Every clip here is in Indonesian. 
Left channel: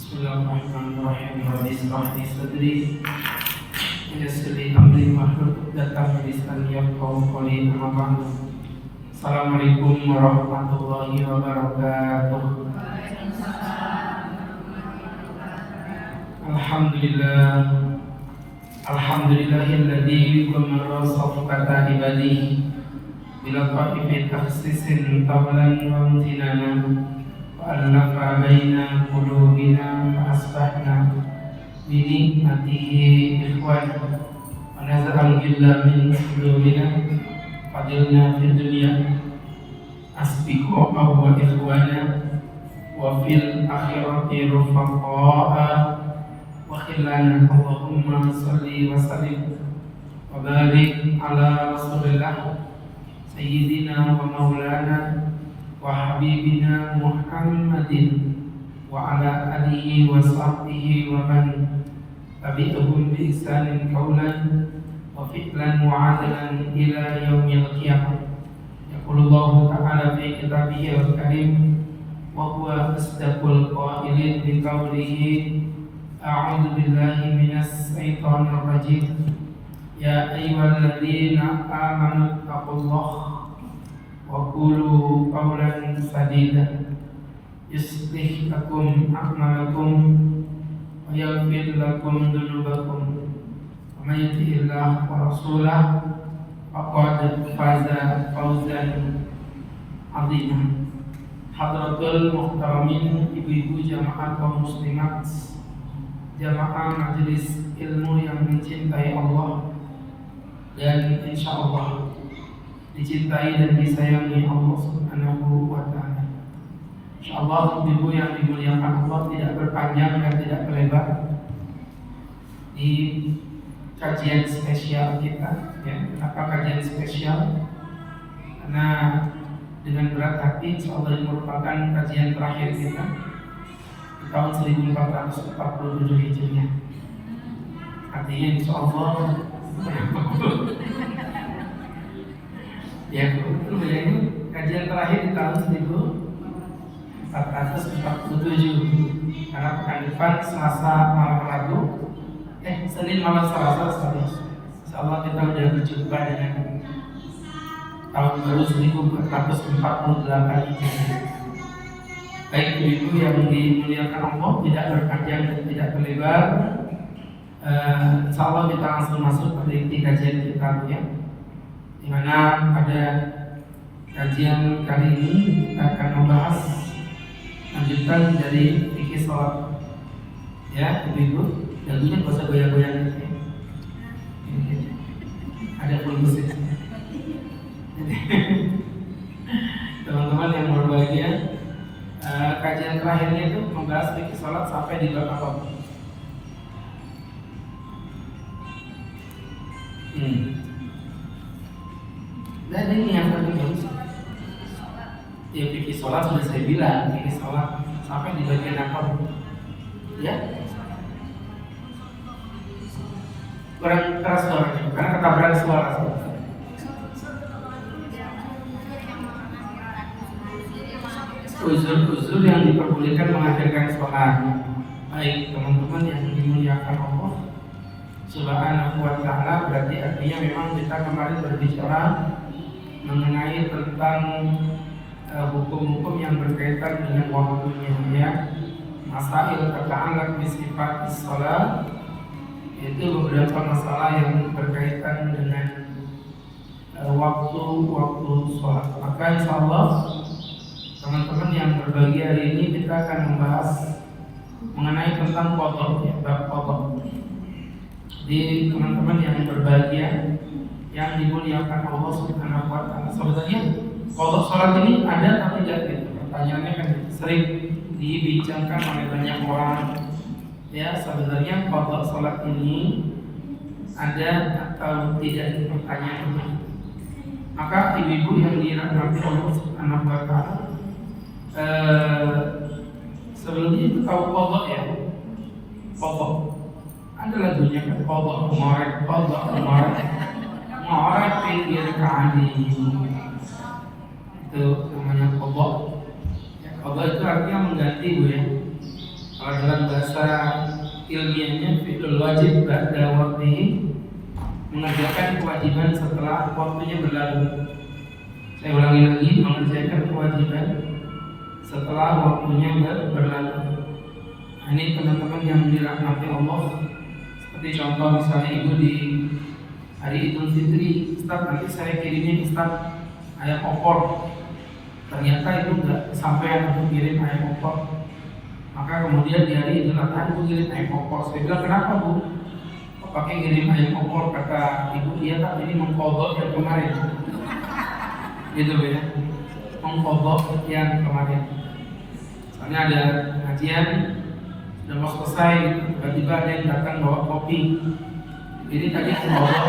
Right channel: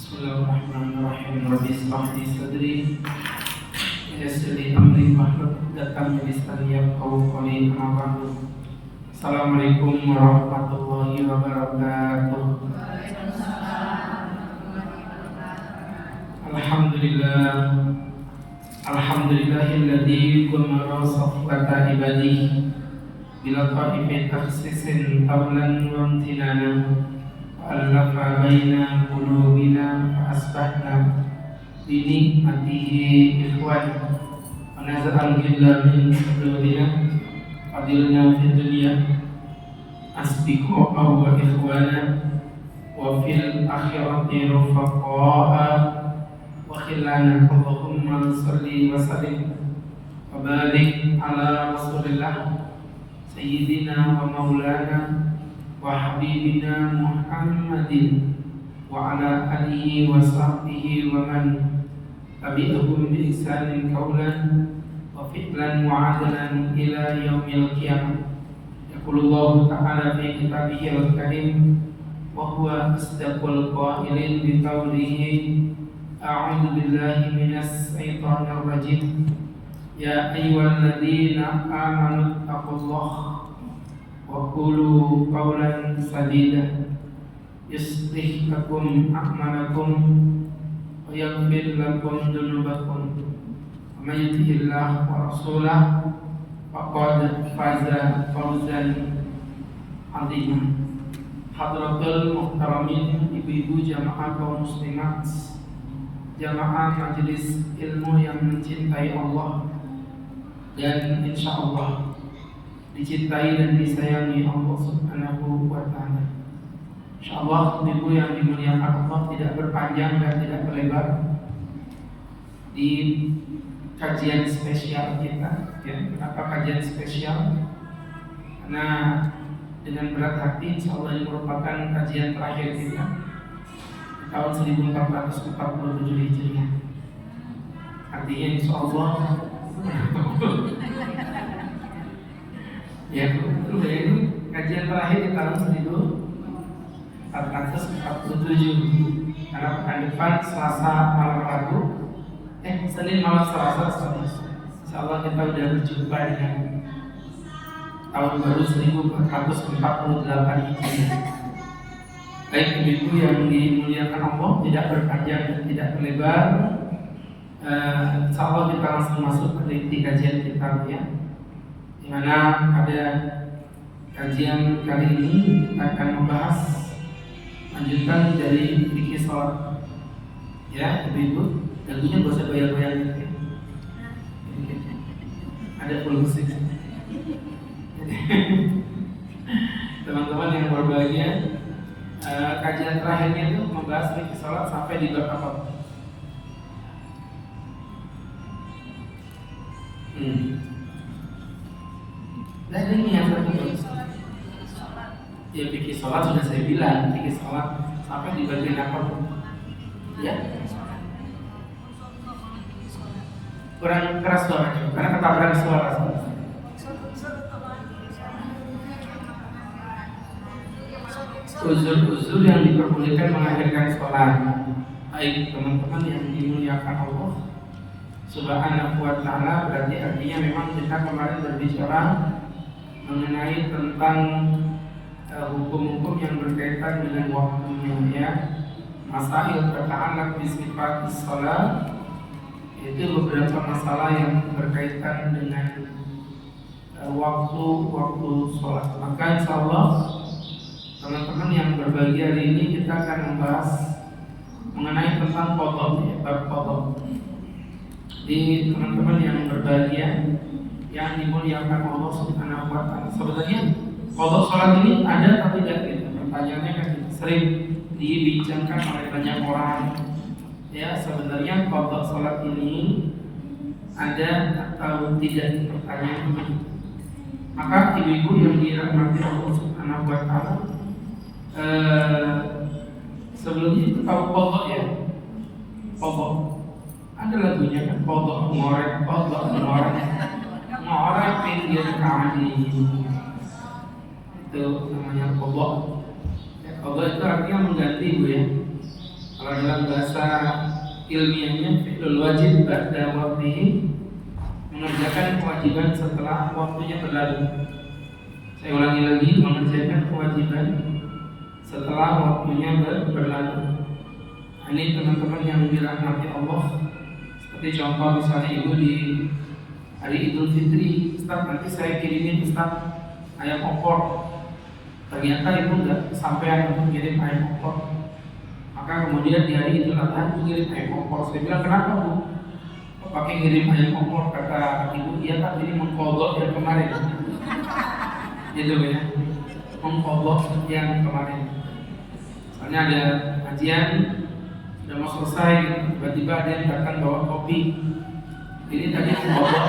Bismillahirrahmanirrahim. Rabbi ishrah li sadri wa yassir li amri wahlul 'uqdatam min lisani yafqahu qawli. Assalamualaikum warahmatullahi wabarakatuh. Alhamdulillahilladzi ghammara safqata ibadihi bila qa'ifi tahsisin tawlan wa imtinana Allafa baina qulubina asbahna bi nikmatihi ikhwan wa nazal ghilla min sudurina fadilna fid dunya asbiqu wa ikhwana wa fil akhirati rufaqa'a wa khillana. Allahumma salli wa sallim wa barik ala rasulillah sayyidina wa maulana wa habibina Muhammadin wa ala alihi wa sahbihi wa man tabi'ahum bi ihsanin qawlan wa fi'lan wa 'adalan ila yaumil qiyamah. Yaqulullahu ta'ala fi kitabihil karim wa huwa asdaqul qailin bi qawlihi a'udzu billahi minas syaitonir rajim ya ayyuhalladzina amanu taqullaha wa qulu qawlan sadida yuslih lakum a'malakum wa yaghfir lakum dhunubakum wa may yuti'illah wa rasulahu faqad faza fawzan 'azima. Hadratul muhtaramin, ibu-ibu jamaah kaum muslimat, jamaah majelis ilmu yang mencintai Allah dan insyaallah dicintai dan disayangi Allah Subhanahu wa ta'ala. Insyaallah ibu yang dimuliakan Allah, tidak berpanjang dan tidak berlebar di kajian spesial kita. Ya, kenapa kajian spesial? Karena dengan berat hati insyaallah ini merupakan kajian terakhir kita di tahun 1447 Hijriah. Artinya insyaallah ya betul ya, ini kajian terakhir di tahun 1447 karena pekan depan Selasa malam Rabu Senin malam Selasa insyaallah kita sudah berjumpa dengan tahun baru 1448 Hijriah. Baik ibu-ibu yang dimuliakan Allah, tidak berpanjang dan tidak berlebar, insyaallah kita langsung masuk pada inti kajian kita ya. Dimana pada kajian kali ini kita akan membahas lanjutan dari fikih sholat ya ibu-ibu. Lagunya gak usah goyang-goyang gitu ya. Ada full musik. Jadi teman-teman yang berbahagia, kajian terakhirnya itu membahas fikih sholat sampai di bab apa? Dan ini yang penting. Ya fikih sholat sudah saya bilang, fikih sholat sampai di bagian apa? Ya. Kurang keras suaranya, karena ketabrakan suara. Uzur-uzur yang diperbolehkan mengakhirkan sholat. Baik teman-teman yang dimuliakan Allah Subhanahu wa ta'ala, berarti artinya memang kita kemarin berbicara mengenai tentang hukum-hukum yang berkaitan dengan waktunya ya, masail ta'allaq bi sifat shalah, itu beberapa masalah yang berkaitan dengan waktu sholat. Maka insyaallah teman-teman yang berbahagia hari ini kita akan membahas mengenai tentang qadha ya, bab qadha. Di teman-teman yang berbahagia yang dimuliakan Allah Subhanahu wa ta'ala, sebenarnya qadha sholat ini ada atau tidak gitu? Pertanyaannya kan sering dibincangkan oleh banyak orang. Ya, sebenarnya qadha sholat ini ada atau tidak, pertanyaan itu. Maka ibu-ibu yang dirahmati Allah Subhanahu wa ta'ala, sebelumnya itu tahu qadha ya? Qadha ada lagunya kan, qadha mu'arad pinggir ka'adi, itu namanya qadha. Ya, qadha itu artinya mengganti bu ya. Kalau dalam bahasa ilmiahnya fi'lul wajib ba'da waqtihi, mengerjakan kewajiban setelah waktunya berlalu. Saya ulangi lagi, mengerjakan kewajiban setelah waktunya berlalu. Ini teman-teman yang dirahmati Allah. Seperti contoh misalnya ibu di hari Idul Fitri, Ustaz nanti saya kirimin Ustaz ayam opor. Ternyata ibu nggak sampai untuk kirim ayam opor. Maka kemudian di hari Idul Adha ibu kirim ayam opor. Saya bilang kenapa bu? Kok pakai ngirim ayam opor? Kata ibu, iya tak ini mengkodok yang kemarin. Gitu ya, mengkodok yang kemarin. Misalnya ada kajian sudah mau selesai, tiba-tiba ada yang datang bawa kopi. Ini tadi mengkodok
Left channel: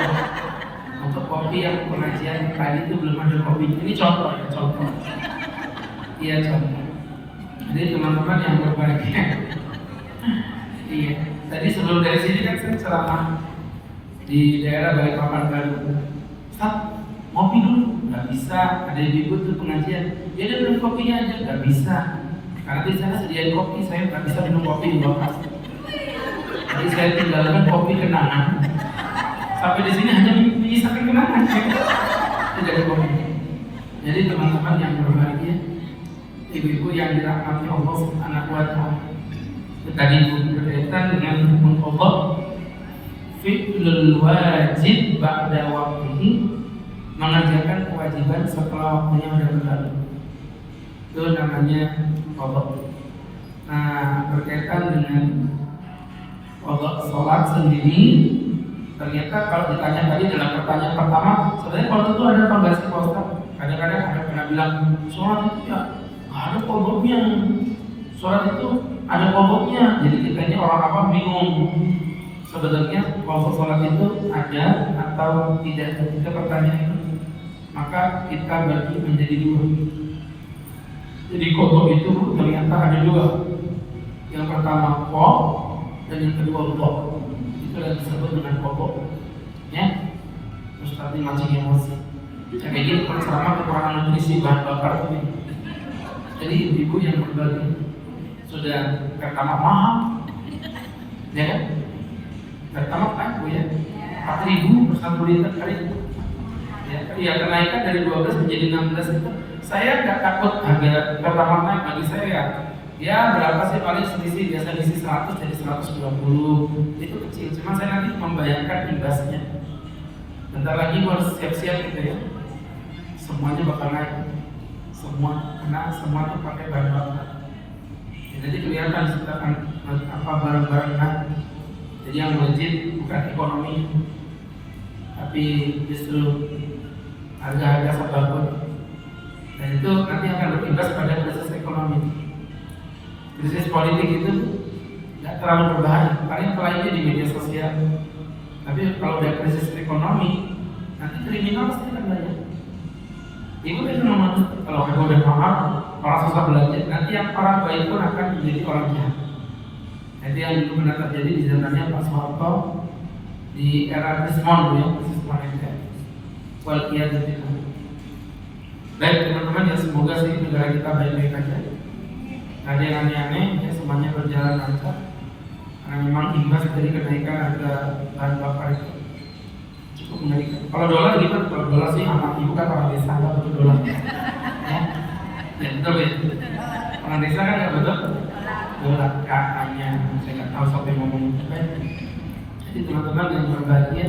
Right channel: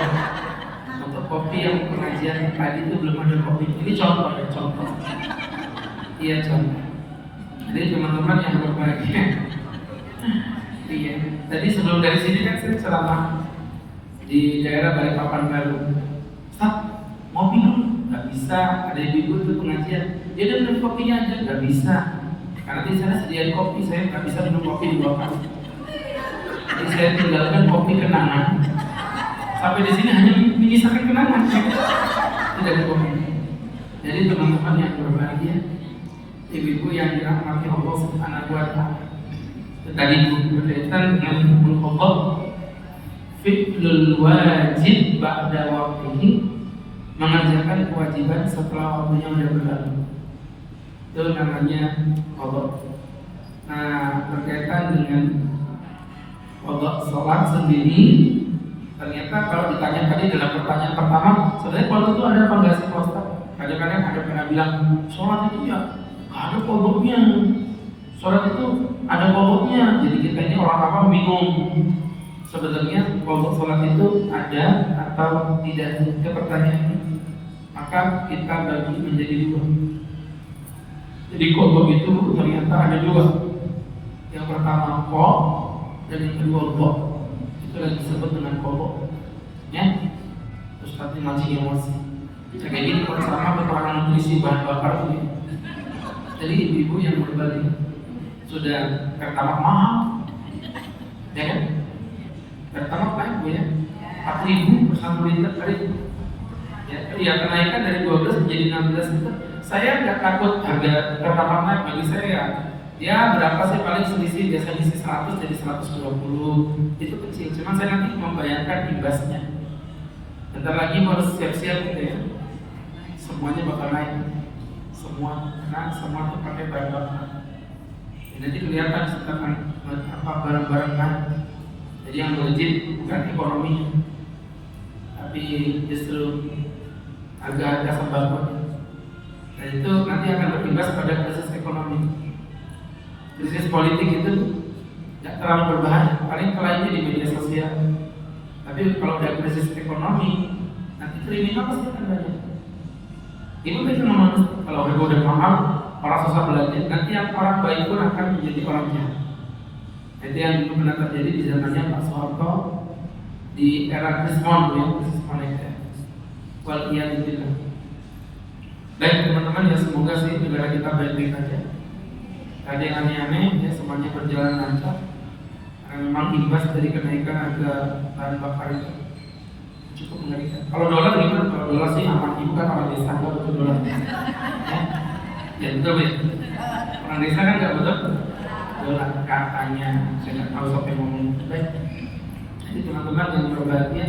untuk kopi yang pengajian tadi itu belum ada kopi. Ini contoh ya, contoh. Iya contoh. Jadi teman-teman yang berbahagia. Iya. Tadi sebelum dari sini kan saya ceramah di daerah Balikpapan Baru. Ustaz, ngopi dulu. Nggak bisa, ada ibu tuh pengajian. Dia udah minum kopinya aja, nggak bisa. Karena di sana sediain kopi, saya nggak bisa minum kopi di bawah. Jadi saya tinggalkan kopi kenangan. Sampai di sini hanya menyisakan kenangan. Tidak ada kopi. Jadi teman-teman yang berbahagia, ibu-ibu yang dirahmati Allah Subhanahu wa Ta'ala. Tadi berkaitan dengan Allah fi'lul wajib ba'da waktihi, mengerjakan kewajiban setelah waktunya sudah berlalu. Itu namanya qadha. Nah, berkaitan dengan qadha salat sendiri, ternyata kalau ditanya tadi dalam pertanyaan pertama, sebenarnya qadha itu ada apa enggak sih Pak Ustaz? Kadang-kadang ada pernah bilang sholat itu ya nggak ada qadhanya. Sholat itu ada qadhanya. Jadi kita ini orang awam bingung. Sebenarnya qadha sholat itu ada atau tidak? Itu pertanyaan. Maka kita bagi menjadi dua. Jadi qadha itu ternyata ada dua. Yang pertama qadha dan yang kedua qadha. Itu yang disebut dengan qadha. Ya, Ustaz ini mancing emosi. Kayak gini kalau sama kekurangan nutrisi bahan bakar ini. Jadi ibu-ibu yang berbagi sudah pertama mahal, ya kan? Pertama naik bu ya, 4.000 per 1 liter per hari. Ya kenaikan dari 12 menjadi 16 itu. Saya nggak takut harga pertama naik, bagi saya ya berapa sih paling selisih, biasa isi 100 jadi 120, itu kecil. Cuman saya nanti membayarkan imbasnya. Bentar lagi harus siap-siap gitu ya. Semuanya bakal naik, semua itu pakai bahan bakar. Jadi kelihatan sekarang apa barang-barang naik. Jadi yang melejit bukan ekonomi, tapi justru harga-harga sembako. Dan itu nanti akan berimbas pada krisis ekonomi. Krisis politik itu tidak terlalu berbahaya, paling lainnya di media sosial. Tapi kalau ada krisis ekonomi, nanti kriminal pasti akan banyak. Itu kan memang kalau harga udah mahal, orang susah belajar. Nanti yang orang baik pun akan menjadi orang jahat. Itu yang pernah terjadi di zamannya Pak Soeharto di era Krismon, ya, Krismon itu. Waliyadzubillah. Baik teman-teman, ya semoga sih negara kita baik-baik aja. Ada yang aneh-aneh, ya semuanya berjalan lancar. Karena memang imbas dari kenaikan harga bahan bakar itu cukup mengerikan. Kalau dolar gimana? Kalau dolar sih aman, ibu kan orang desa nggak butuh dolar. Ya, betul ya. Orang desa kan nggak butuh dolar katanya. Saya nggak tahu siapa yang ngomong itu. Jadi teman-teman yang berbahagia,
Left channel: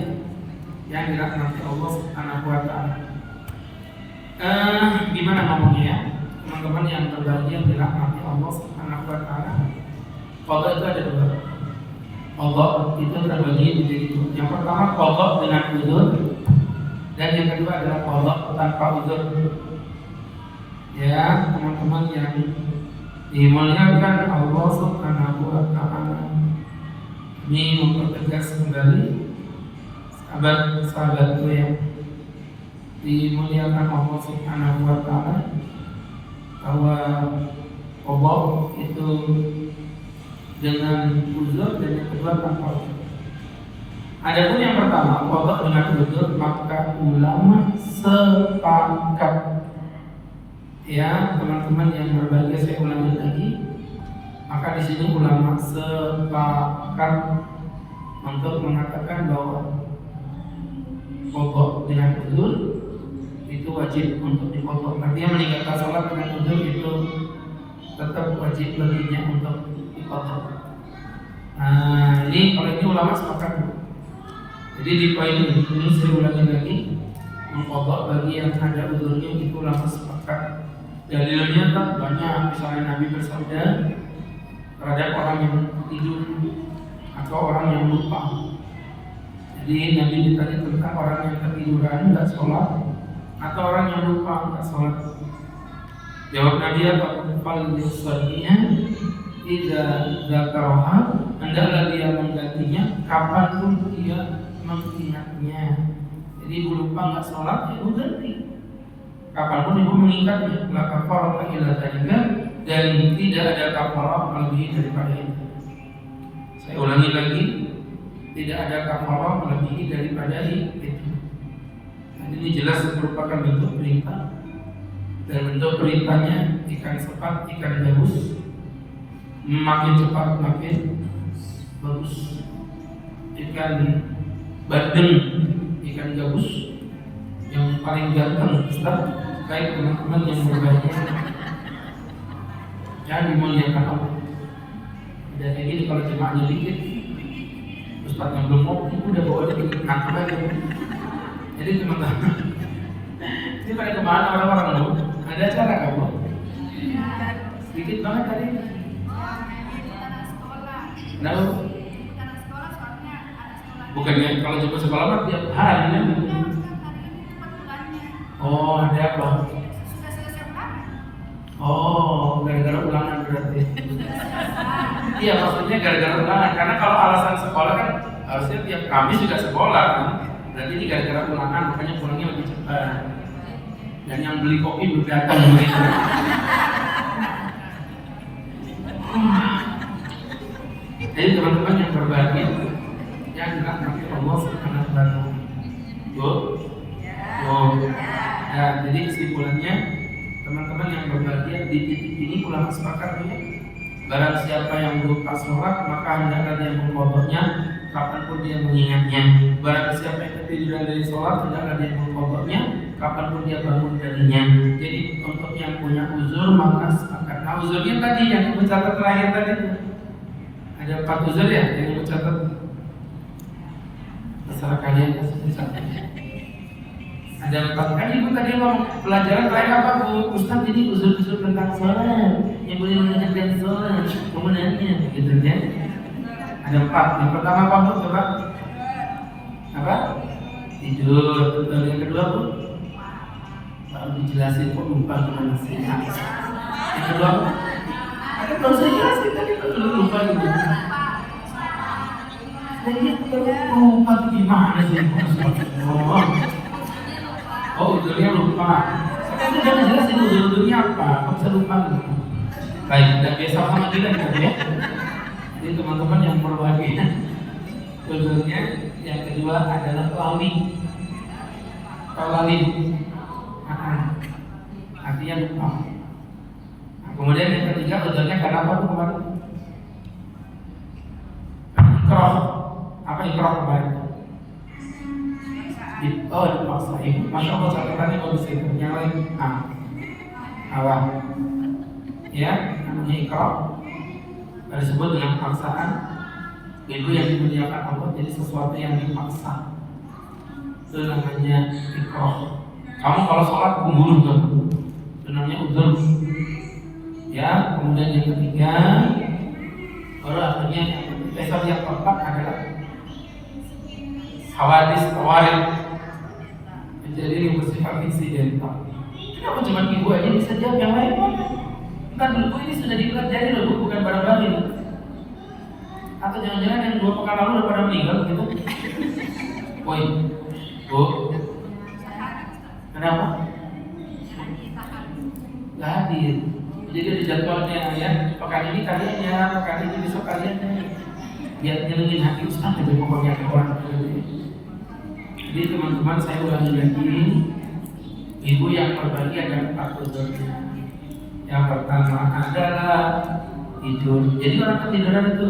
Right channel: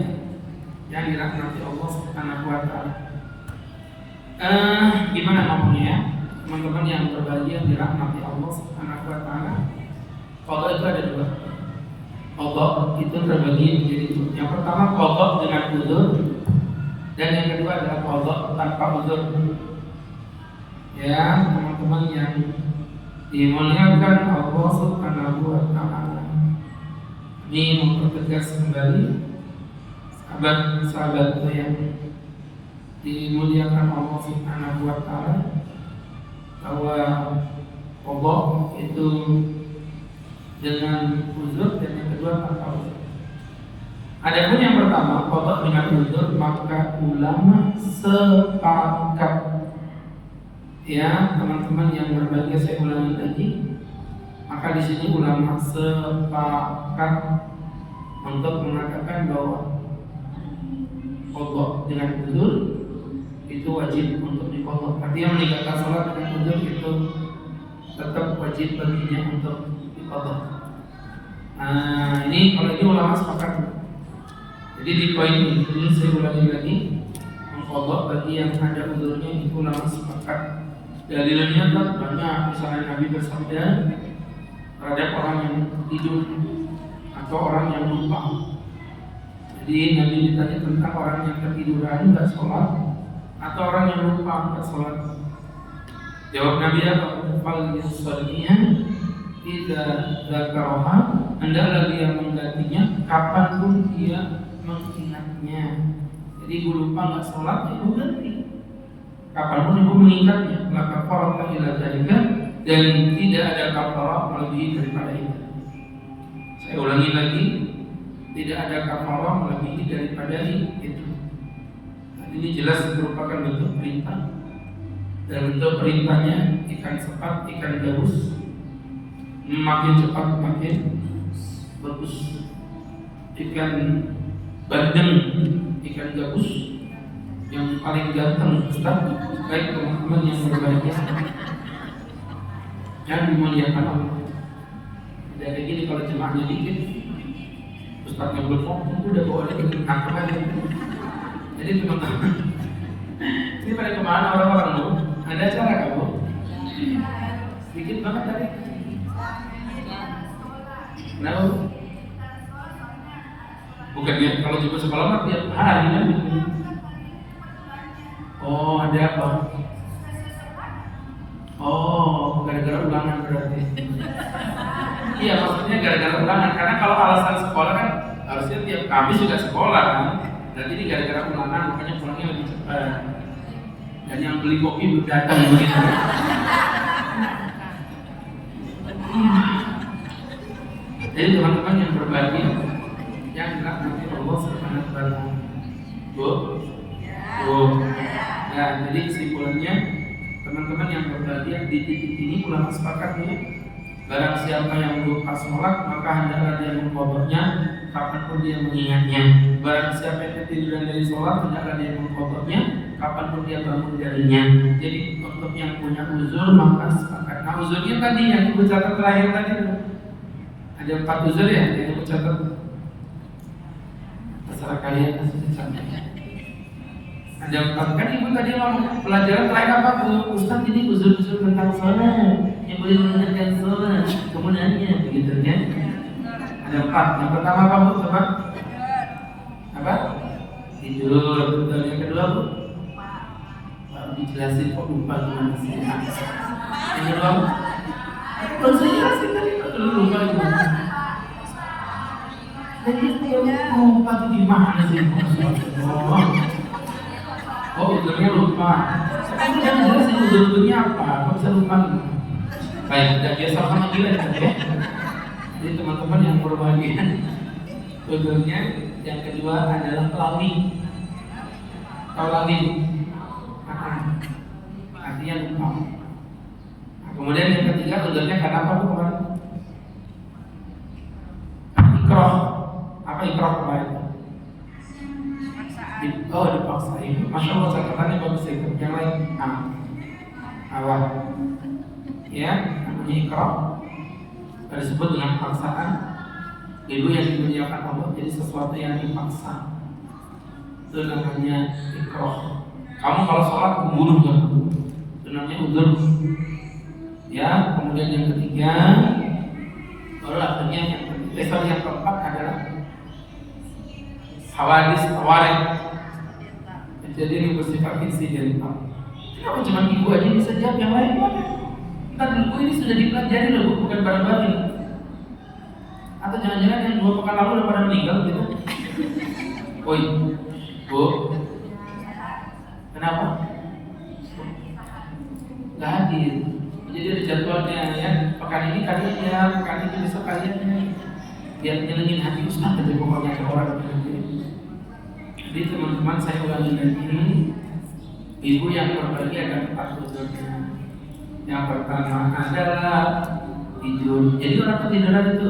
yang dirahmati Allah Subhanahu wa Ta'ala. Gimana ngomongnya? Teman-teman yang berbahagia dirahmati Allah Subhanahu wa Ta'ala. Qadha itu ada dua. Qadha itu terbagi menjadi dua. Yang pertama qadha dengan uzur, dan yang kedua adalah qadha tanpa uzur. Ya, teman-teman yang dimuliakan Allah Subhanahu wa Ta'ala. Ini mempertegas kembali sahabat-sahabatku yang dimuliakan Allah Subhanahu wa Ta'ala, bahwa qadha itu dengan uzur dan yang kedua tanpa uzur. Adapun yang pertama qadha dengan uzur, maka ulama sepakat, ya teman-teman yang berbahagia, saya ulangi lagi, Maka di sini ulama sepakat untuk mengatakan bahwa qadha dengan uzur itu wajib untuk diqadha. Artinya meninggalkan sholat dengan uzur itu tetap wajib baginya untuk diqadha. Nah, ini kalau ini ulama sepakat. Jadi di poin ini saya ulangi lagi, mengqadha bagi yang ada uzurnya itu ulama sepakat. Dalilnya tak banyak, misalnya Nabi bersabda terhadap orang yang tidur atau orang yang lupa. Jadi Nabi ditanya tentang orang yang tertiduran nggak sholat atau orang yang lupa nggak sholat. Jawab Nabi apa? Fal yusalliyah idza dzakaraha, hendaklah dia menggantinya kapanpun dia mengingatnya. Jadi ibu lupa nggak sholat, ibu ganti. Kapanpun ibu mengingatnya, maka kafarah ila dzalika, dan tidak ada kafarah melebihi daripada itu. Saya ulangi lagi, tidak ada kafarah melebihi daripada itu. Dan ini jelas merupakan bentuk perintah. Dan bentuk perintahnya ikan sepat, ikan gabus, makin cepat makin bagus. Ikan bandeng, ikan gabus yang paling ganteng, Ustaz. Baik teman-teman yang berbahagia, jangan dimuliakan Allah. Dan kayak gini kalau jemaahnya dikit, Ustaz yang belum mau, itu udah bawa dia ke kantor aja. Jadi teman-teman, ini pada kemana orang-orang lu? Ada acara kamu? Sedikit banget tadi. Kenapa? Bukannya kalau jemput sekolah mah tiap hari kan? Oh, ada apa? Oh, gara-gara ulangan berarti. Iya, maksudnya gara-gara ulangan. Karena kalau alasan sekolah kan harusnya tiap Kamis juga sekolah kan. Berarti ini gara-gara ulangan, makanya pulangnya lebih cepat. Dan yang beli kopi belum datang begitu. Jadi teman-teman yang berbahagia, yang dirahmati Allah Subhanahu wa taala. Bu? Nah, jadi kesimpulannya teman-teman yang berbahagia di titik ini ulama sepakatnya, barang siapa yang lupa sholat maka hendaklah dia mengqadhanya kapanpun dia mengingatnya. Barang siapa yang ketiduran dari sholat hendaklah dia mengqadhanya kapanpun dia bangun darinya. Jadi untuk yang punya uzur maka sepakat. Nah, uzurnya tadi yang dicatat terakhir tadi ada 4 uzur ya yang dicatat. Terserah kalian. Ada 4 kan ibu tadi ngomong pelajaran terakhir apa Bu? Ustaz ini uzur-uzur tentang sholat yang boleh mengerjakan sholat kemudiannya begitu ya. Ada 4. Yang pertama apa Bu? Coba. Apa? Tidur. Betul. Yang kedua Bu? Baru dijelasin kok lupa. Yang kedua baru saya jelasin tadi lupa itu. Jadi lupa itu gimana sih? Oh, uzurnya lupa. Sekarang kita jelasin uzurnya apa? Kok bisa lupa? Baik, udah biasa sama gila gitu ya. Jadi teman-teman yang berbahagia, uzurnya yang kedua adalah lali. Lali. Artinya lupa. Kemudian yang ketiga uzurnya karena apa kemarin? Ikrah. Apa ikrah kemarin? Oh, dipaksain. Masya Allah, catatannya bagus itu. Yang lain, awal. Ya, namanya ikrah. Disebut dengan paksaan. Itu yang dimuliakan Allah, jadi sesuatu yang dipaksa. Itu namanya ikrah. Kamu kalau sholat membunuh kamu, itu namanya uzur. Ya, kemudian yang ketiga, baru akhirnya yang keempat adalah hawadis tawarik. Jadi ini bersifat insidental. Kenapa cuma ibu aja bisa jawab yang lain? Entar dulu ini sudah dipelajari loh, bukan barang baru. Atau jangan-jangan yang 2 pekan lalu udah pada meninggal gitu? Woi, Bu, kenapa? Gak hadir. Jadi ada jadwalnya ya. Pekan ini kalian ya, pekan ini besok kalian biar nyenengin hati Ustaz aja pokoknya orang gitu. Jadi teman-teman saya ulangi lagi, ibu yang berbahagia akan 4 uzurnya. Yang pertama adalah tidur. Jadi orang ketiduran itu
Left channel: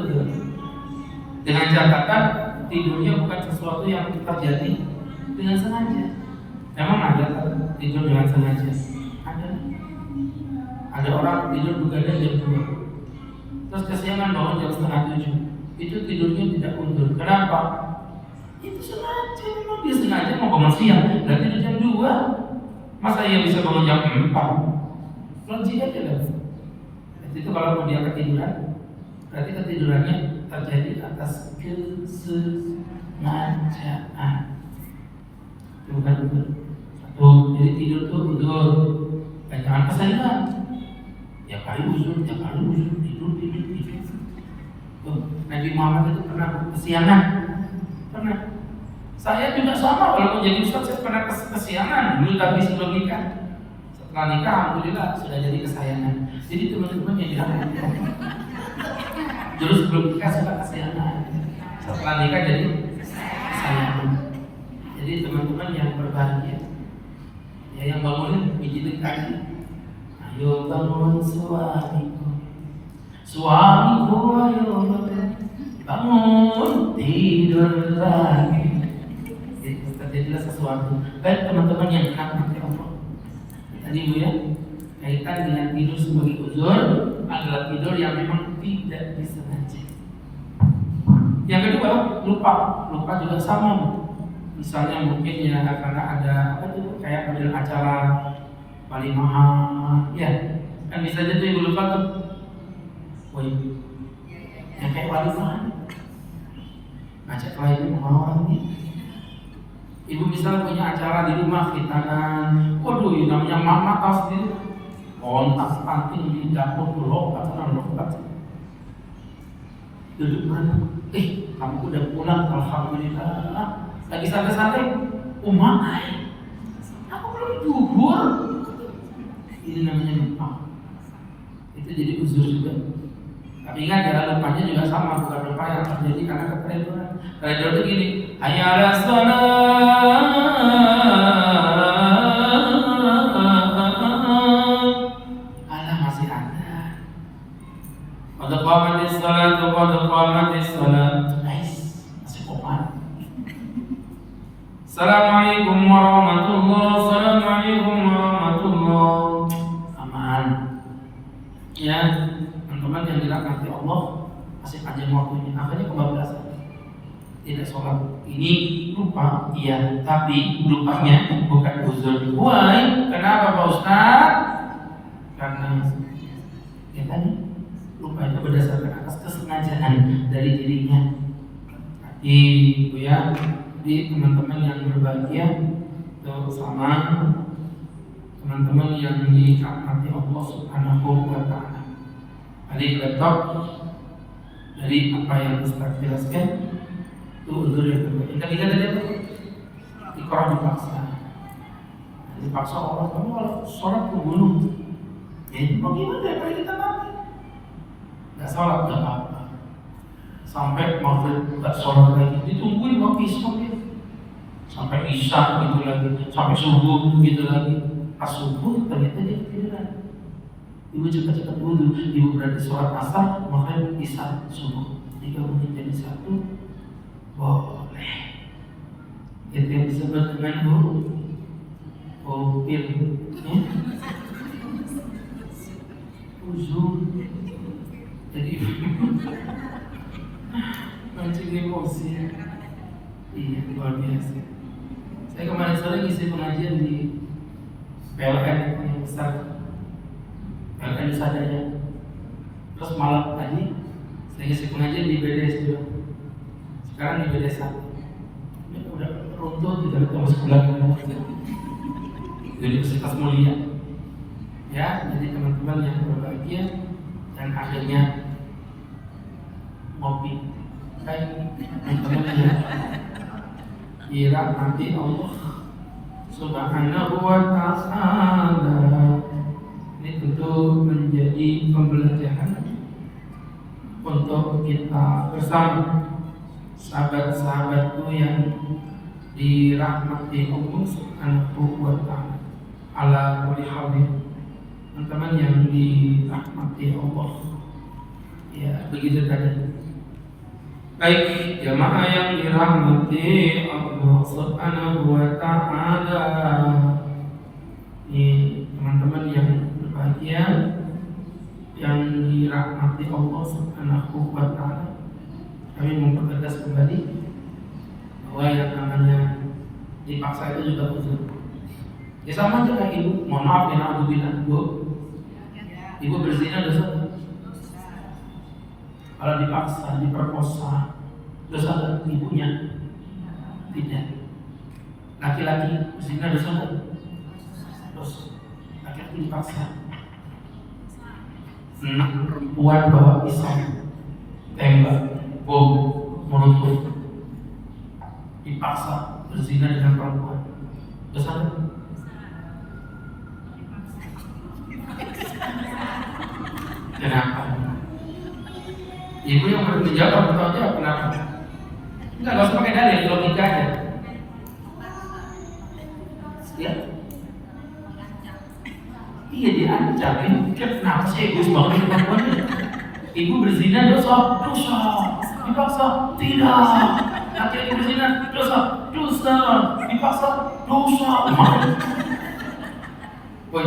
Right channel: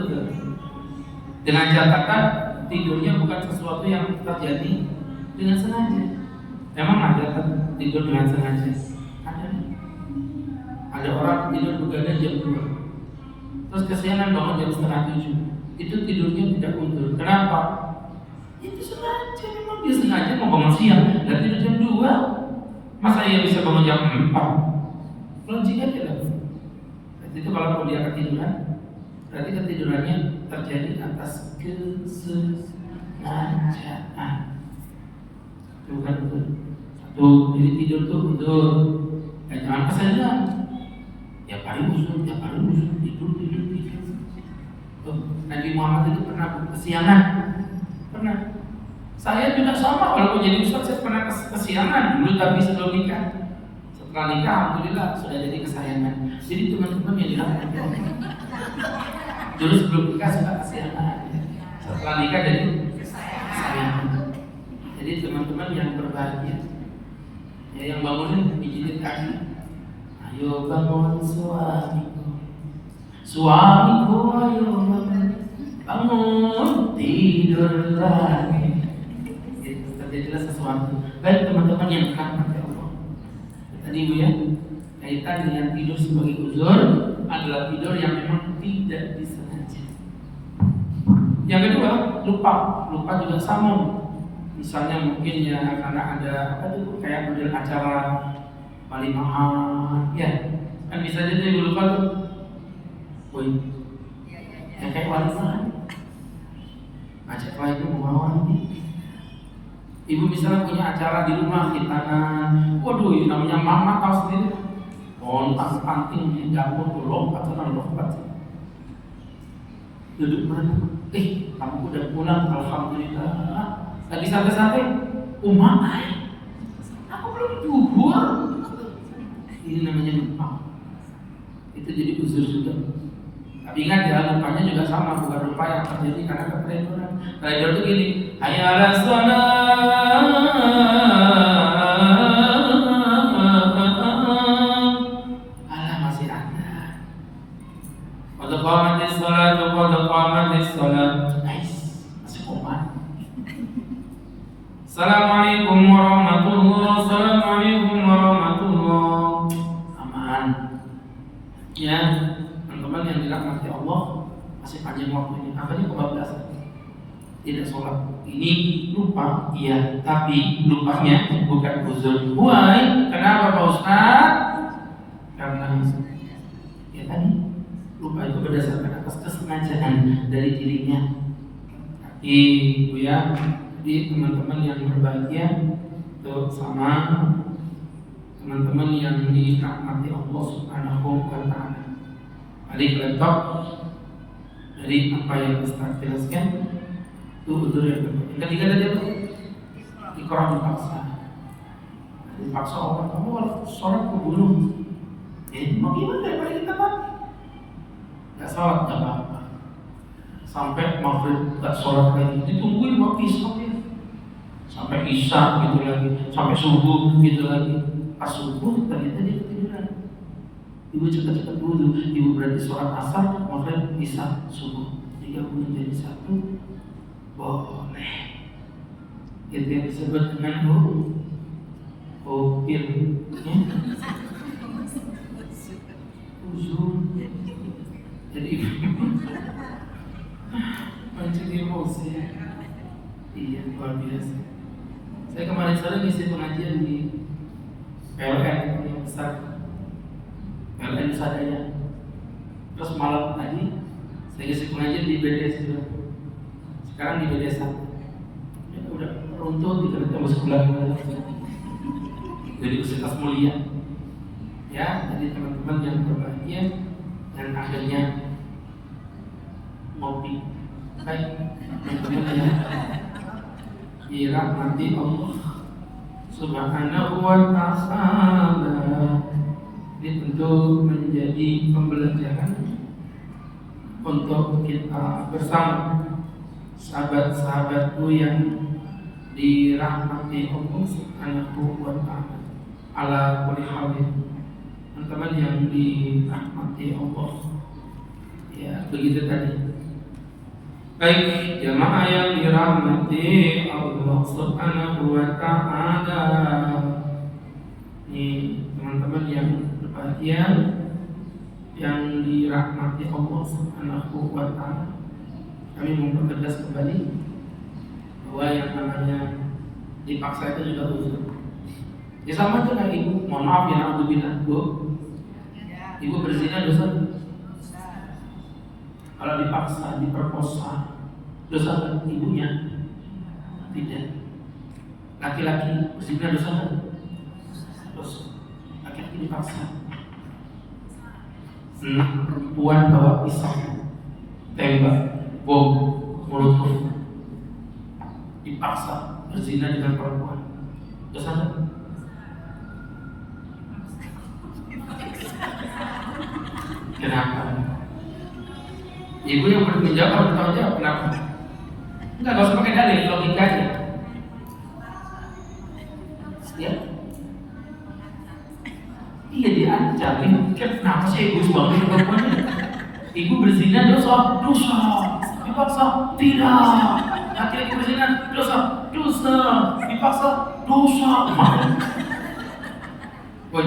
dengan catatan tidurnya bukan sesuatu yang terjadi dengan sengaja. Emang ada tidur dengan sengaja? Ada orang tidur begadang jam 2, terus kesiangan bangun jam setengah 7. Itu tidurnya tidak mundur. Kenapa? Itu sengaja, memang dia sengaja mau bangun siang dan tidur jam 2. Masa ia bisa bangun jam 4? Logik aja lah. Itu kalau dia ketiduran, berarti ketidurannya terjadi atas kesengajaan. Bukan betul. Tuh, jadi tidur tuh betul. Jangan kesalahan. Tiap hari usul, tidur. Nabi Muhammad itu pernah kesiangan. Pernah. Saya juga sama, kalau menjadi ustaz saya pernah kesiangan dulu, tapi sebelum nikah. Setelah nikah, alhamdulillah sudah jadi kesayangan. Jadi teman-teman yang dirahmati, dulu sebelum nikah suka kesiangan, setelah nikah jadi kesayangan. Jadi teman-teman yang berbahagia, ya yang bangunin pijitin kaki. Ayo bangun suamiku ayo bangun tidur lagi. Itu terjadilah sesuatu. Baik teman-teman yang dirahmati Allah. Tadi Bu ya, kaitan dengan tidur sebagai uzur adalah tidur yang memang tidak disengaja. Yang kedua, lupa juga sama. Misalnya mungkin ya karena ada apa tuh kayak model acara walimahan, ya kan bisa aja tuh ibu lupa tuh, ya kayak walimahan, ajaklah ibu mau ibu misalnya punya acara di rumah khitanan, waduh namanya mama tahu sendiri, mau tas panting di dapur tuh lompat duduk berenang, kamu udah pulang alhamdulillah. Lagi santai-santai, aku belum duhur. Ini namanya lupa. Itu jadi uzur juga. Tapi ingat ya, lupanya juga sama, bukan lupa yang terjadi karena ketertiduran. Tertidur itu gini, hayya 'alas shalah, alah masih ada. Qad qamatis salatu, masih komat. Assalamualaikum warahmatullahi. Aman. Ya, teman-teman yang dirahmati Allah, masih panjang waktunya. Akhirnya kebablasan. Tidak sholat. Ini lupa, iya, tapi lupanya bukan uzur. Why? Kenapa Pak Ustaz? Karena ya tadi lupa itu berdasarkan atas kesengajaan dari dirinya. Ibu ya. Jadi teman-teman yang berbahagia itu sama teman-teman yang dirahmati Allah Subhanahu wa taala. Hari laptop dari apa yang Ustaz jelaskan itu uzur yang kedua. Yang ketiga tadi apa? Iqra dipaksa. Dipaksa Allah, kamu kalau sholat membunuh. Ya bagaimana daripada kita mati? Gak sholat gak apa-apa. Sampai maghrib gak sholat lagi, ditungguin waktu isya. Sampai isya gitu lagi, sampai subuh gitu lagi. Pas subuh ternyata dia ketiduran. Ibu cepat-cepat wudu, ibu berarti sholat asar, maghrib, isya, subuh 3 menit jadi 1. Boleh. Itu yang disebut dengan opil, ya. Uzur. Jadi mancing emosi. Iya, luar biasa. Saya kemarin sore ngisi pengajian di PLN yang besar, PLN Nusa Daya. Terus malam tadi saya ngisi pengajian di BDS juga. Sekarang di BDS 1. Ya, udah runtuh gitu, kita masuk belakang di Universitas Mulia. Ya, jadi teman-teman yang berbahagia dan akhirnya ngopi. Baik, teman-teman yang dirahmati Allah Subhanahu wa ta'ala. Ini tentu menjadi pembelajaran untuk kita bersama sahabat-sahabatku yang dirahmati Allah Subhanahu wa ta'ala. Ala kulli halin, teman-teman yang dirahmati Allah, Ya, begitu tadi. Baik, jamaah yang dirahmati Allah Subhanahu wa taala. Ini teman-teman yang berbahagia yang dirahmati Allah Subhanahu wa taala. Kami mempertegas kembali bahwa yang namanya dipaksa itu juga dosa. Ya sama aja kayak ibu, mohon maaf ya naudzubillah, Bu. Ibu berzina dosa. Kalau dipaksa, diperkosa, dosa nggak ibunya? Tidak. Laki-laki berzina dosa nggak? Dosa. Laki-laki dipaksa. Perempuan bawa pisau, tembak, bom, mulut, dipaksa berzina dengan perempuan, dosa nggak? Kenapa? Ibu yang bertanggung jawab bertanggung jawab kenapa? Enggak usah pakai dalil, logika aja. Ya? Iya diancam. Kenapa sih egois banget ya perempuannya? Ibu berzina dosa, dosa. Dipaksa, tidak. Laki-laki berzina dosa, dosa. Dipaksa, dosa. Woi,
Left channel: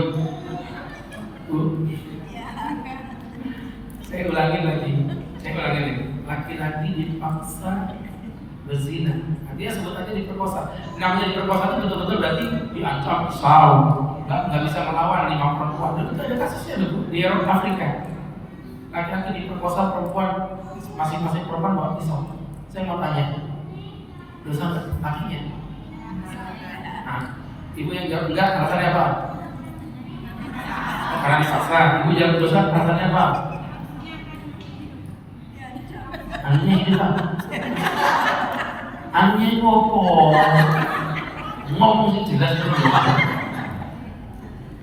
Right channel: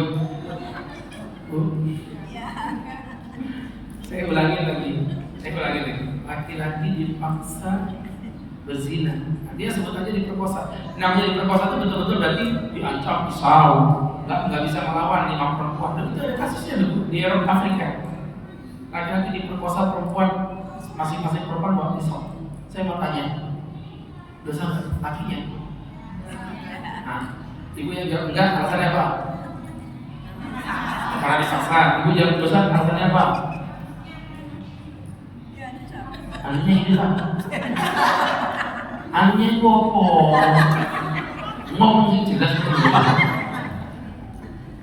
saya ulangi lagi. Laki-laki dipaksa berzina. Dia sebut aja diperkosa. Namanya diperkosa itu betul-betul berarti diancam pisau. Nggak bisa melawan 5 perempuan. Dan itu ada kasusnya dulu di Eropa Afrika. Laki-laki diperkosa perempuan, masing-masing perempuan bawa pisau. Saya mau tanya, dosa nggak lakinya? Nah, ibu yang jawab enggak, alasannya apa? Karena dipaksa. Ibu jawab dosa, alasannya apa? Anunya itu apa? Anunya itu apa? Ngomong sih jelas apa?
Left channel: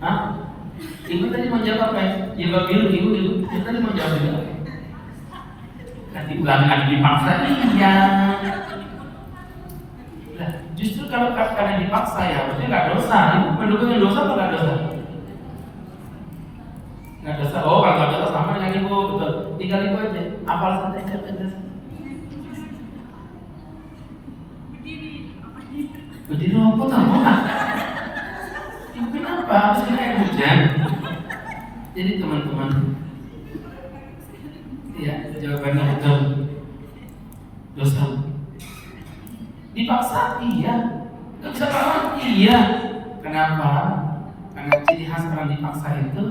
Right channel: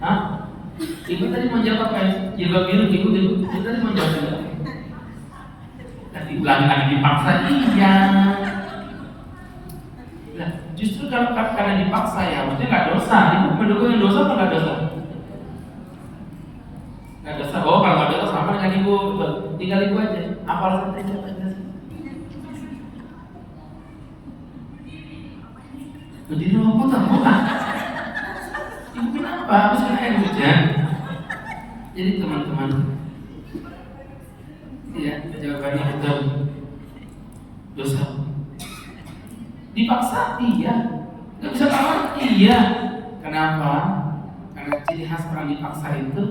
Hah? Ibu tadi menjawab apa ya? Jilbab biru, ibu tadi menjawab juga. Tadi bilang ada dipaksa, iya. Nah, justru kalau karena dipaksa ya, maksudnya nggak dosa. Ibu mendukung yang dosa atau nggak dosa? Nggak dosa. Oh, kalau nggak dosa sama dengan ibu, betul. Tinggal ibu aja. Apa alasan tadi jawab? Jadi apa tahu? Ibu kenapa? Habis kayak hujan. Jadi teman-teman, ya jawabannya betul. Dosa. Dipaksa iya. Nggak bisa kalah iya. Kenapa? Karena ciri khas orang dipaksa itu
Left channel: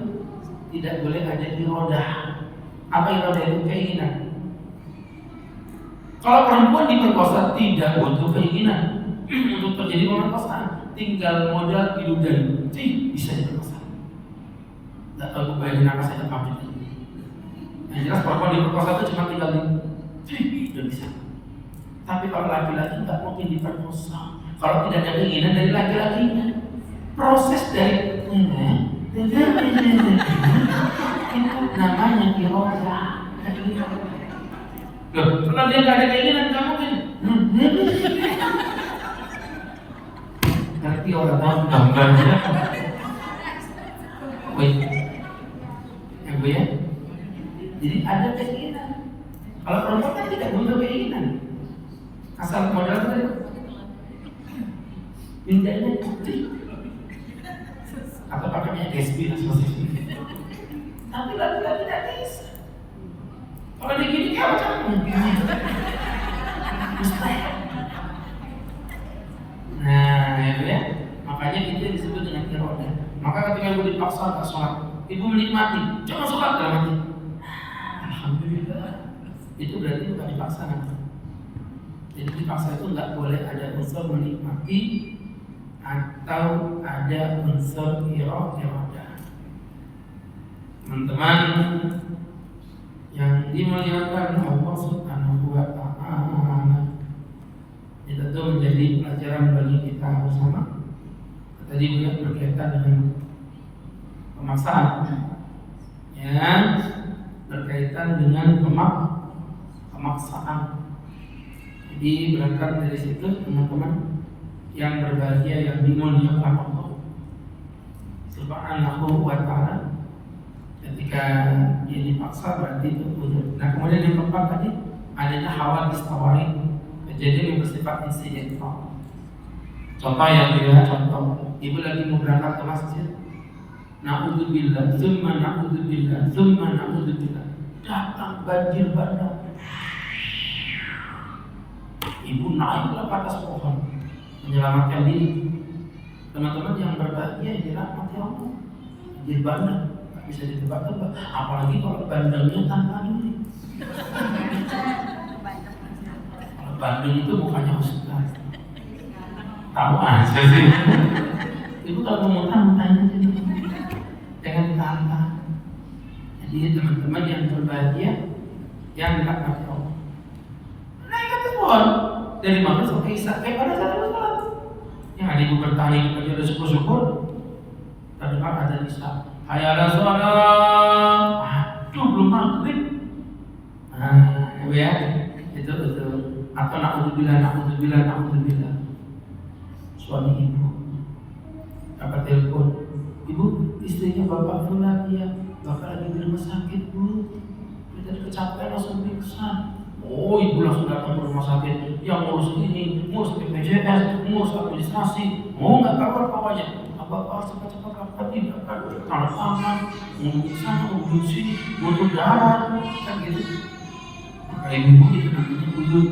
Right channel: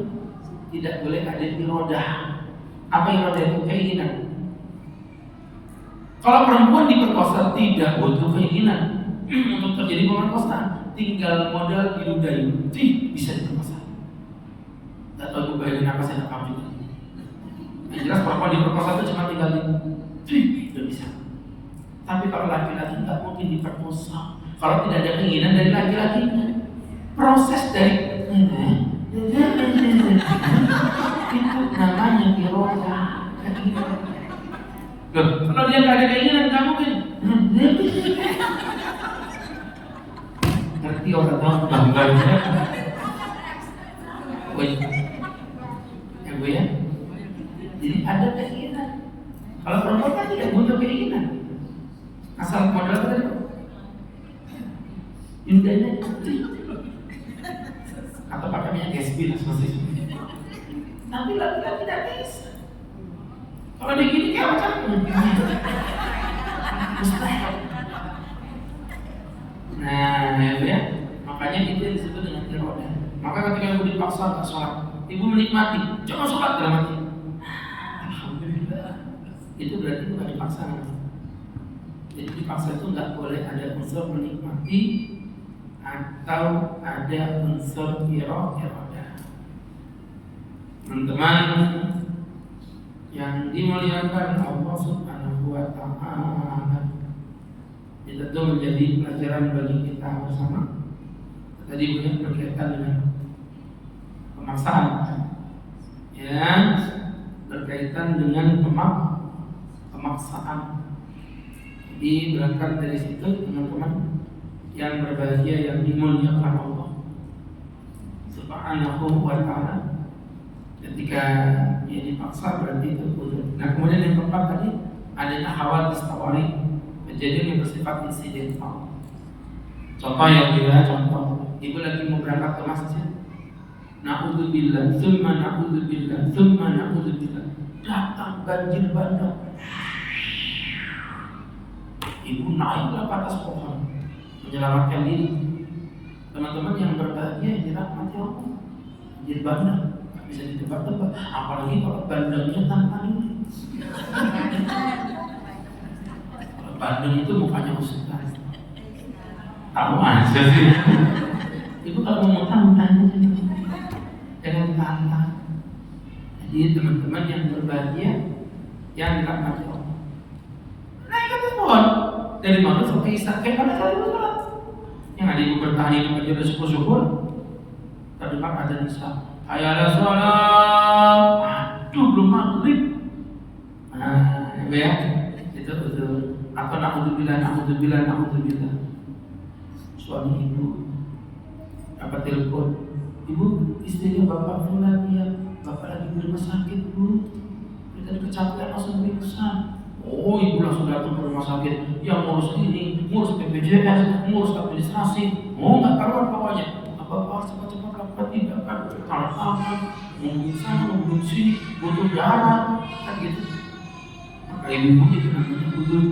tidak boleh ada irodah. Apa irodah itu? Keinginan. Kalau perempuan diperkosa tidak butuh keinginan untuk terjadi pemerkosaan, tinggal modal diludahi, bisa diperkosa. Tidak tahu bayangin apa saya dapat itu. Yang jelas perempuan diperkosa itu cuma tinggal sudah bisa. Tapi kalau laki-laki nggak mungkin diperkosa. Kalau tidak ada keinginan dari laki-lakinya, proses dari itu namanya iroda. Loh, kalau dia nggak ada keinginan, nggak mungkin. Ngerti orang tahu gambarnya. Baik, ya Bu ya. Jadi ada keinginan. Kalau perempuan kan tidak butuh keinginan. Asal modal tadi. Indahnya atau pakainya gespi seperti itu. Tapi laki-laki tidak bisa. Kalau begini kayak macam mustahil. Nah, ya, makanya itu yang disebut dengan iroda. Maka ketika ibu dipaksa tak sholat, ibu menikmati, jangan sholat dalam hati. Alhamdulillah. Itu berarti bukan dipaksa nanti. Jadi dipaksa itu nggak boleh ada unsur menikmati atau ada unsur iroda. Teman-teman yang dimuliakan Allah Subhanahu wa taala, itu tentu menjadi pelajaran bagi kita bersama. Tadi bukan berkaitan dengan pemaksaan, ya, berkaitan dengan pemaksaan. Jadi berangkat dari situ teman-teman yang berbahagia yang dimuliakan Allah Subhanahu wa taala, ketika Ketika dia dipaksa berarti itu uzur. Nah kemudian yang keempat tadi adanya hawadits tawarik, kejadian yang bersifat insidental. Contoh ya, contoh ibu lagi mau berangkat ke masjid, na'udzubillah, tsumma na'udzubillah, tsumma na'udzubillah, datang banjir bandang. Ibu naiklah ke atas pohon menyelamatkan diri. Teman-teman yang berbahagia yang dirahmati Allah, banjir bandang bisa ditebak-tebak, apalagi kalau bandangnya tanpa ini. Kalau bandang itu mukanya ustaz, tahu aja sih. Ibu kalau mau tahu tanya jadi, jangan ditantang. Jadi teman-teman yang berbahagia yang dirahmati Allah, naik ke atas pohon dari maghrib sampai isya, kayak pada cara sholat. Yang ada ibu bertahan hidup aja udah syukur-syukur. Terdengar ada isya, hayya sholat, aduh belum maghrib. Nah, ya itu atau na'udzubillah. Suami ibu dapat telepon, ibu istrinya bapak fulan ya, bapak lagi di rumah sakit bu, dia tadi kecapean langsung pingsan. Oh ibu langsung datang ke rumah sakit, yang ngurus ini, ngurus BPJS, ngurus administrasi, mau nggak karuan pokoknya. Bapak cepat-cepat lakukan tindakan tanda tangan, ngomongin sana, ngomongin sini, ngomong darah, kan gitu. Maka ibu itu namanya uzur,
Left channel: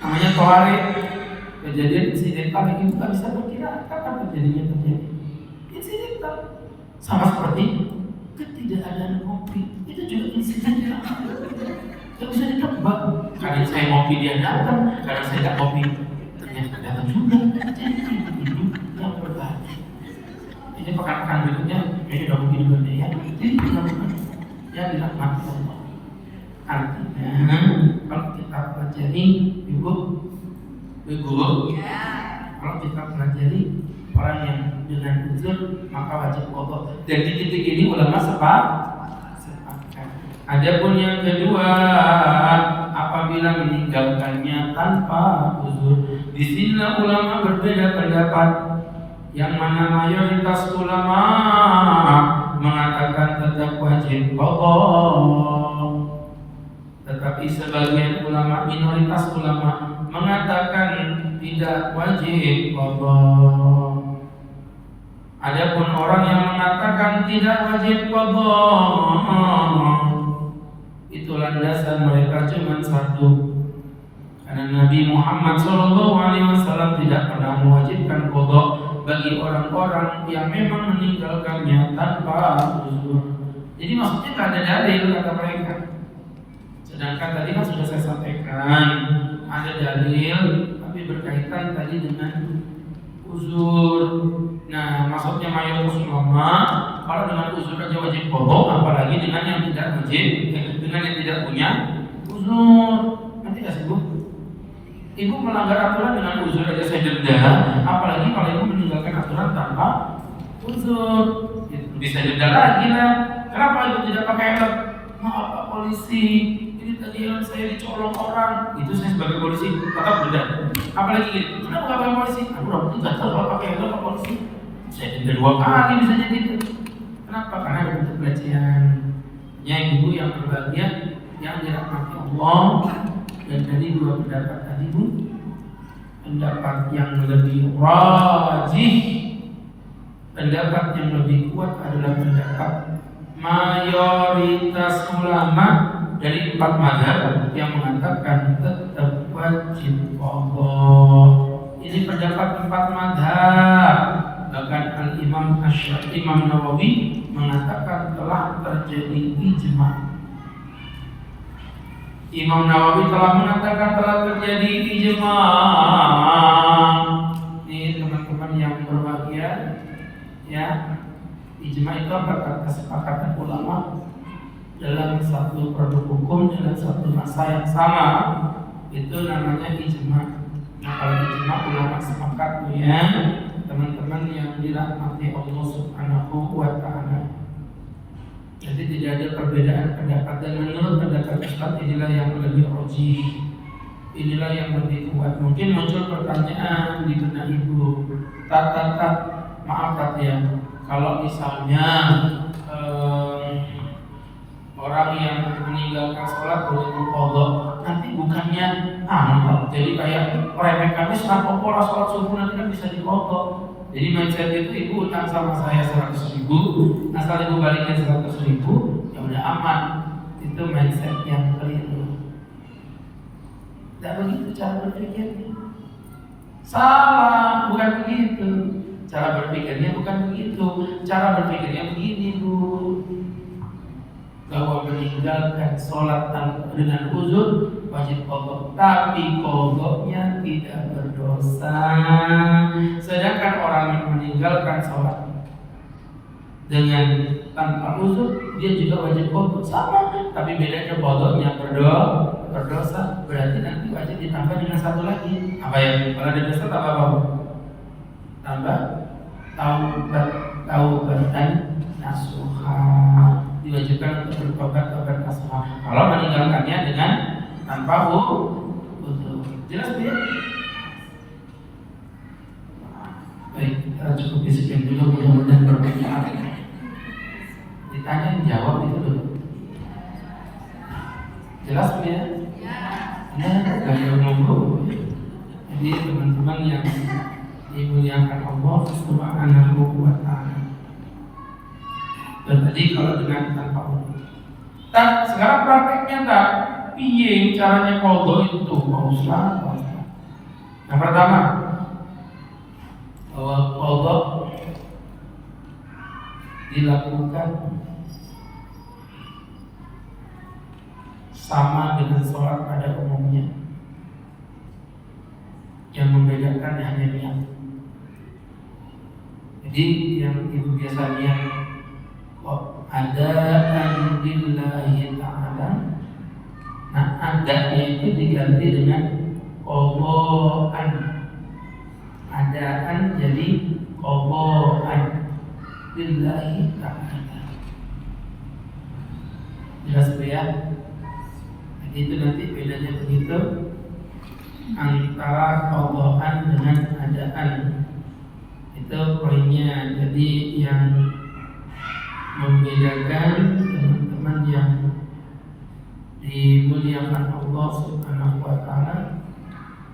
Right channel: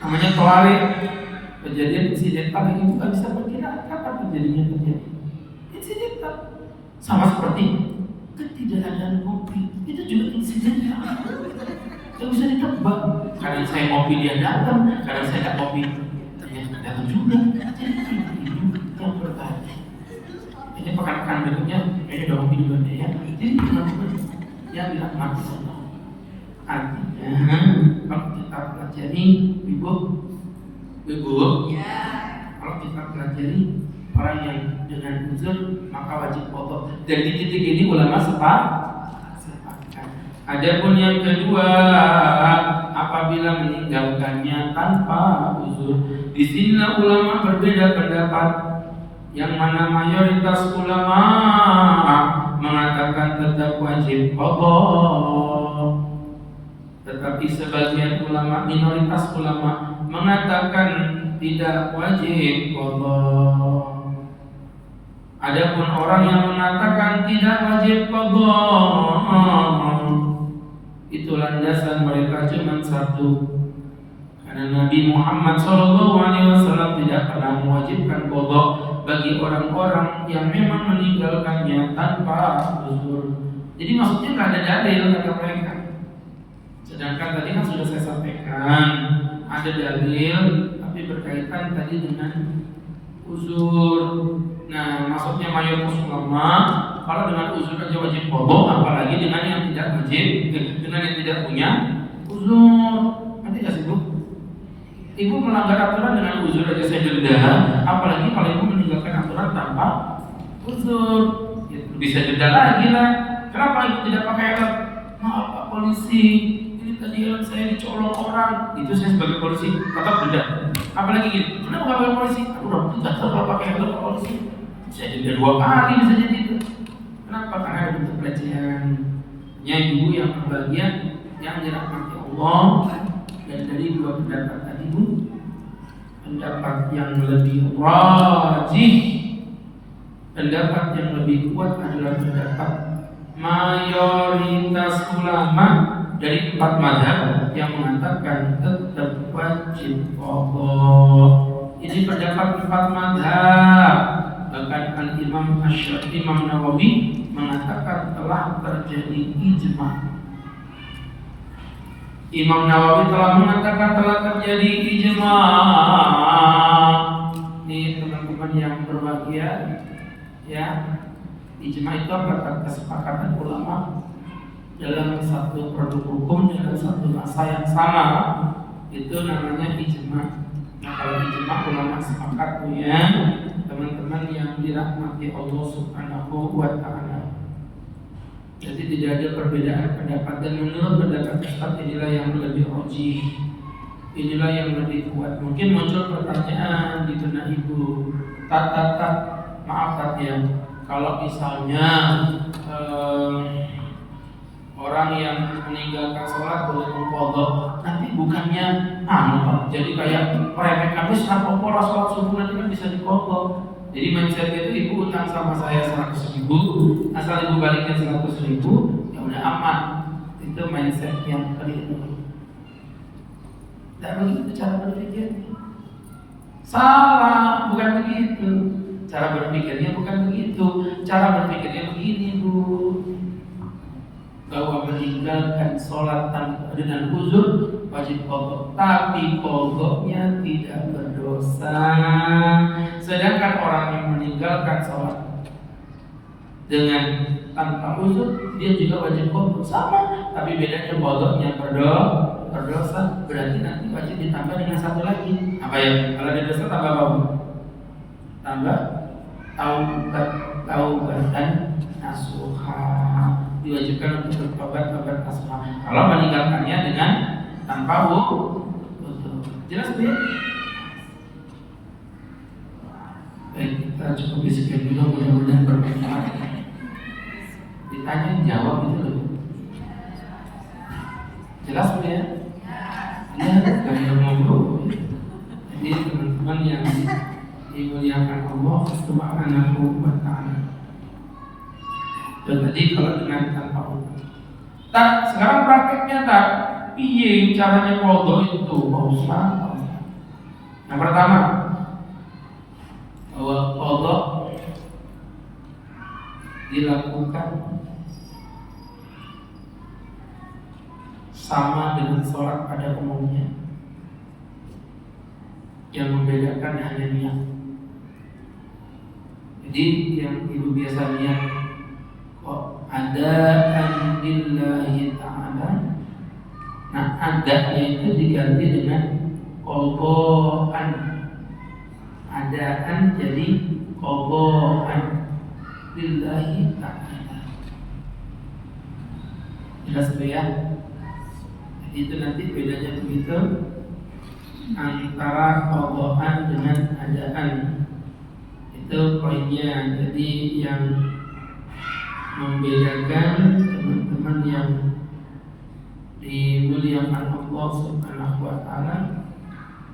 namanya tawarik. Kejadian insidental yang itu tak bisa berkira kapan terjadinya terjadi. Insidental sama seperti ketidakadaan kopi, itu juga insidental. Tak bisa ditebak. Kadang saya ngopi dia datang, kadang saya tak ngopi ternyata tak datang juga. Jadi ini yang berbahagia. Ini pekan-pekan berikutnya kayaknya udah ngopi duluan deh ya. Jadi teman-teman yang dirahmati Allah. Artinya kalau kita pelajari ibu, kalau kita pelajari orang yang dengan uzur maka wajib qadha. Dan di titik ini ulama sepakat. Adapun yang kedua, apabila meninggalkannya tanpa uzur, di sini ulama berbeda pendapat. Yang mana mayoritas ulama mengatakan tetap wajib qadha, tetapi sebagian ulama, minoritas ulama mengatakan tidak wajib qadha. Adapun orang yang mengatakan tidak wajib qadha, itu landasan mereka cuma satu, karena Nabi Muhammad SAW tidak pernah mewajibkan qadha bagi orang-orang yang memang meninggalkannya tanpa uzur. Jadi maksudnya tidak ada dalil kata mereka. Sedangkan tadi kan sudah saya sampaikan ada dalil tapi berkaitan tadi dengan uzur. Nah, maksudnya mayoritas ulama kalau dengan uzur aja wajib qadha, apalagi dengan yang tidak wajib, dengan yang tidak punya uzur. Nanti nggak sih bu? Ibu melanggar aturan dengan uzur aja saya denda, apalagi kalau ibu meninggalkan aturan tanpa uzur, bisa denda lagi lah. Kenapa ibu tidak pakai helm? Maaf pak polisi, tadi helm saya dicolong orang, itu saya sebagai polisi tetap denda. Apalagi gitu, kenapa nggak pakai polisi? Aduh, nggak tahu kalau pakai helm pak polisi, saya denda 2 kali bisa jadi itu. Kenapa? Karena ada bentuk pelecehan. Ya ibu yang berbahagia, yang dirahmati Allah. Dan dari dua pendapat tadi itu, pendapat yang lebih rajih, pendapat yang lebih kuat adalah pendapat mayoritas ulama dari 4 mazhab yang mengatakan tetap wajib qadha. Ini pendapat 4 mazhab. Bahkan Al-Imam Asy-Syafi'i, Imam Nawawi mengatakan telah terjadi ijma'. Imam Nawawi telah mengatakan telah terjadi ijma'. Ini teman-teman yang berbahagia, ya. Ijma' itu adalah kesepakatan ulama dalam satu produk hukum, dalam satu masa yang sama. Itu namanya ijma'. Nah, kalau ijma' ulama sepakat ya, teman-teman yang dirahmati Allah Subhanahu wa ta'ala. Jadi tidak ada perbedaan pendapat, dan menurut pendapat Ustaz inilah yang lebih rajih, inilah yang lebih kuat. Mungkin muncul pertanyaan di benak ibu, maaf Tat ya, kalau misalnya orang yang meninggalkan sholat boleh mengqadha, nanti bukannya jadi kayak meremehkan kenapa sholat subuh nanti kan bisa diqadha. Jadi mindset itu, ibu utang sama saya 100.000, asal ibu balikin 100.000, ya udah aman. Itu mindset yang keliru. Tidak begitu cara berpikirnya. Salah, bukan begitu. Cara berpikirnya bukan begitu. Cara berpikirnya begini, Bu. Bahwa meninggalkan sholat dengan uzur wajib qadha, tapi qadhanya tidak berdosa. Sedangkan orang yang meninggalkan sholat dengan tanpa uzur, dia juga wajib qadha, sama. Tapi bedanya qadhanya berdosa, berarti nanti wajib ditambah dengan satu lagi. Apa ya? Kalau ada dosa tambah apa? Tambah taubat dan nasuha. Diwajibkan untuk bertobat nasuha. Kalau meninggalkannya dengan tanpa uzur. Jelas ya? Baik, kita cukup sekian dulu, mudah-mudahan bermanfaat. Ditanya jawab itu loh. Jelas ya? Ya, dari ngomong. Jadi teman-teman yang dimuliakan Allah Subhanahu wa ta'ala. Dan tadi kalau dengan tanpa hukum. Sekarang prakteknya tak piye caranya qadha itu, Pak Ustaz? Yang pertama, bahwa qadha dilakukan sama dengan sholat pada umumnya. Yang membedakan hanya niat. Jadi yang ibu biasa lihat, ada lillahi ta'ala. Nah, adanya itu diganti dengan qadhaan. Adaan jadi qadhaan lillahi ta'ala. Jelas ya? Itu nanti bedanya begitu antara qadhaan dengan adaan. Itu poinnya. Jadi yang membedakan teman-teman yang dimuliakan Allah Subhanahu wa ta'ala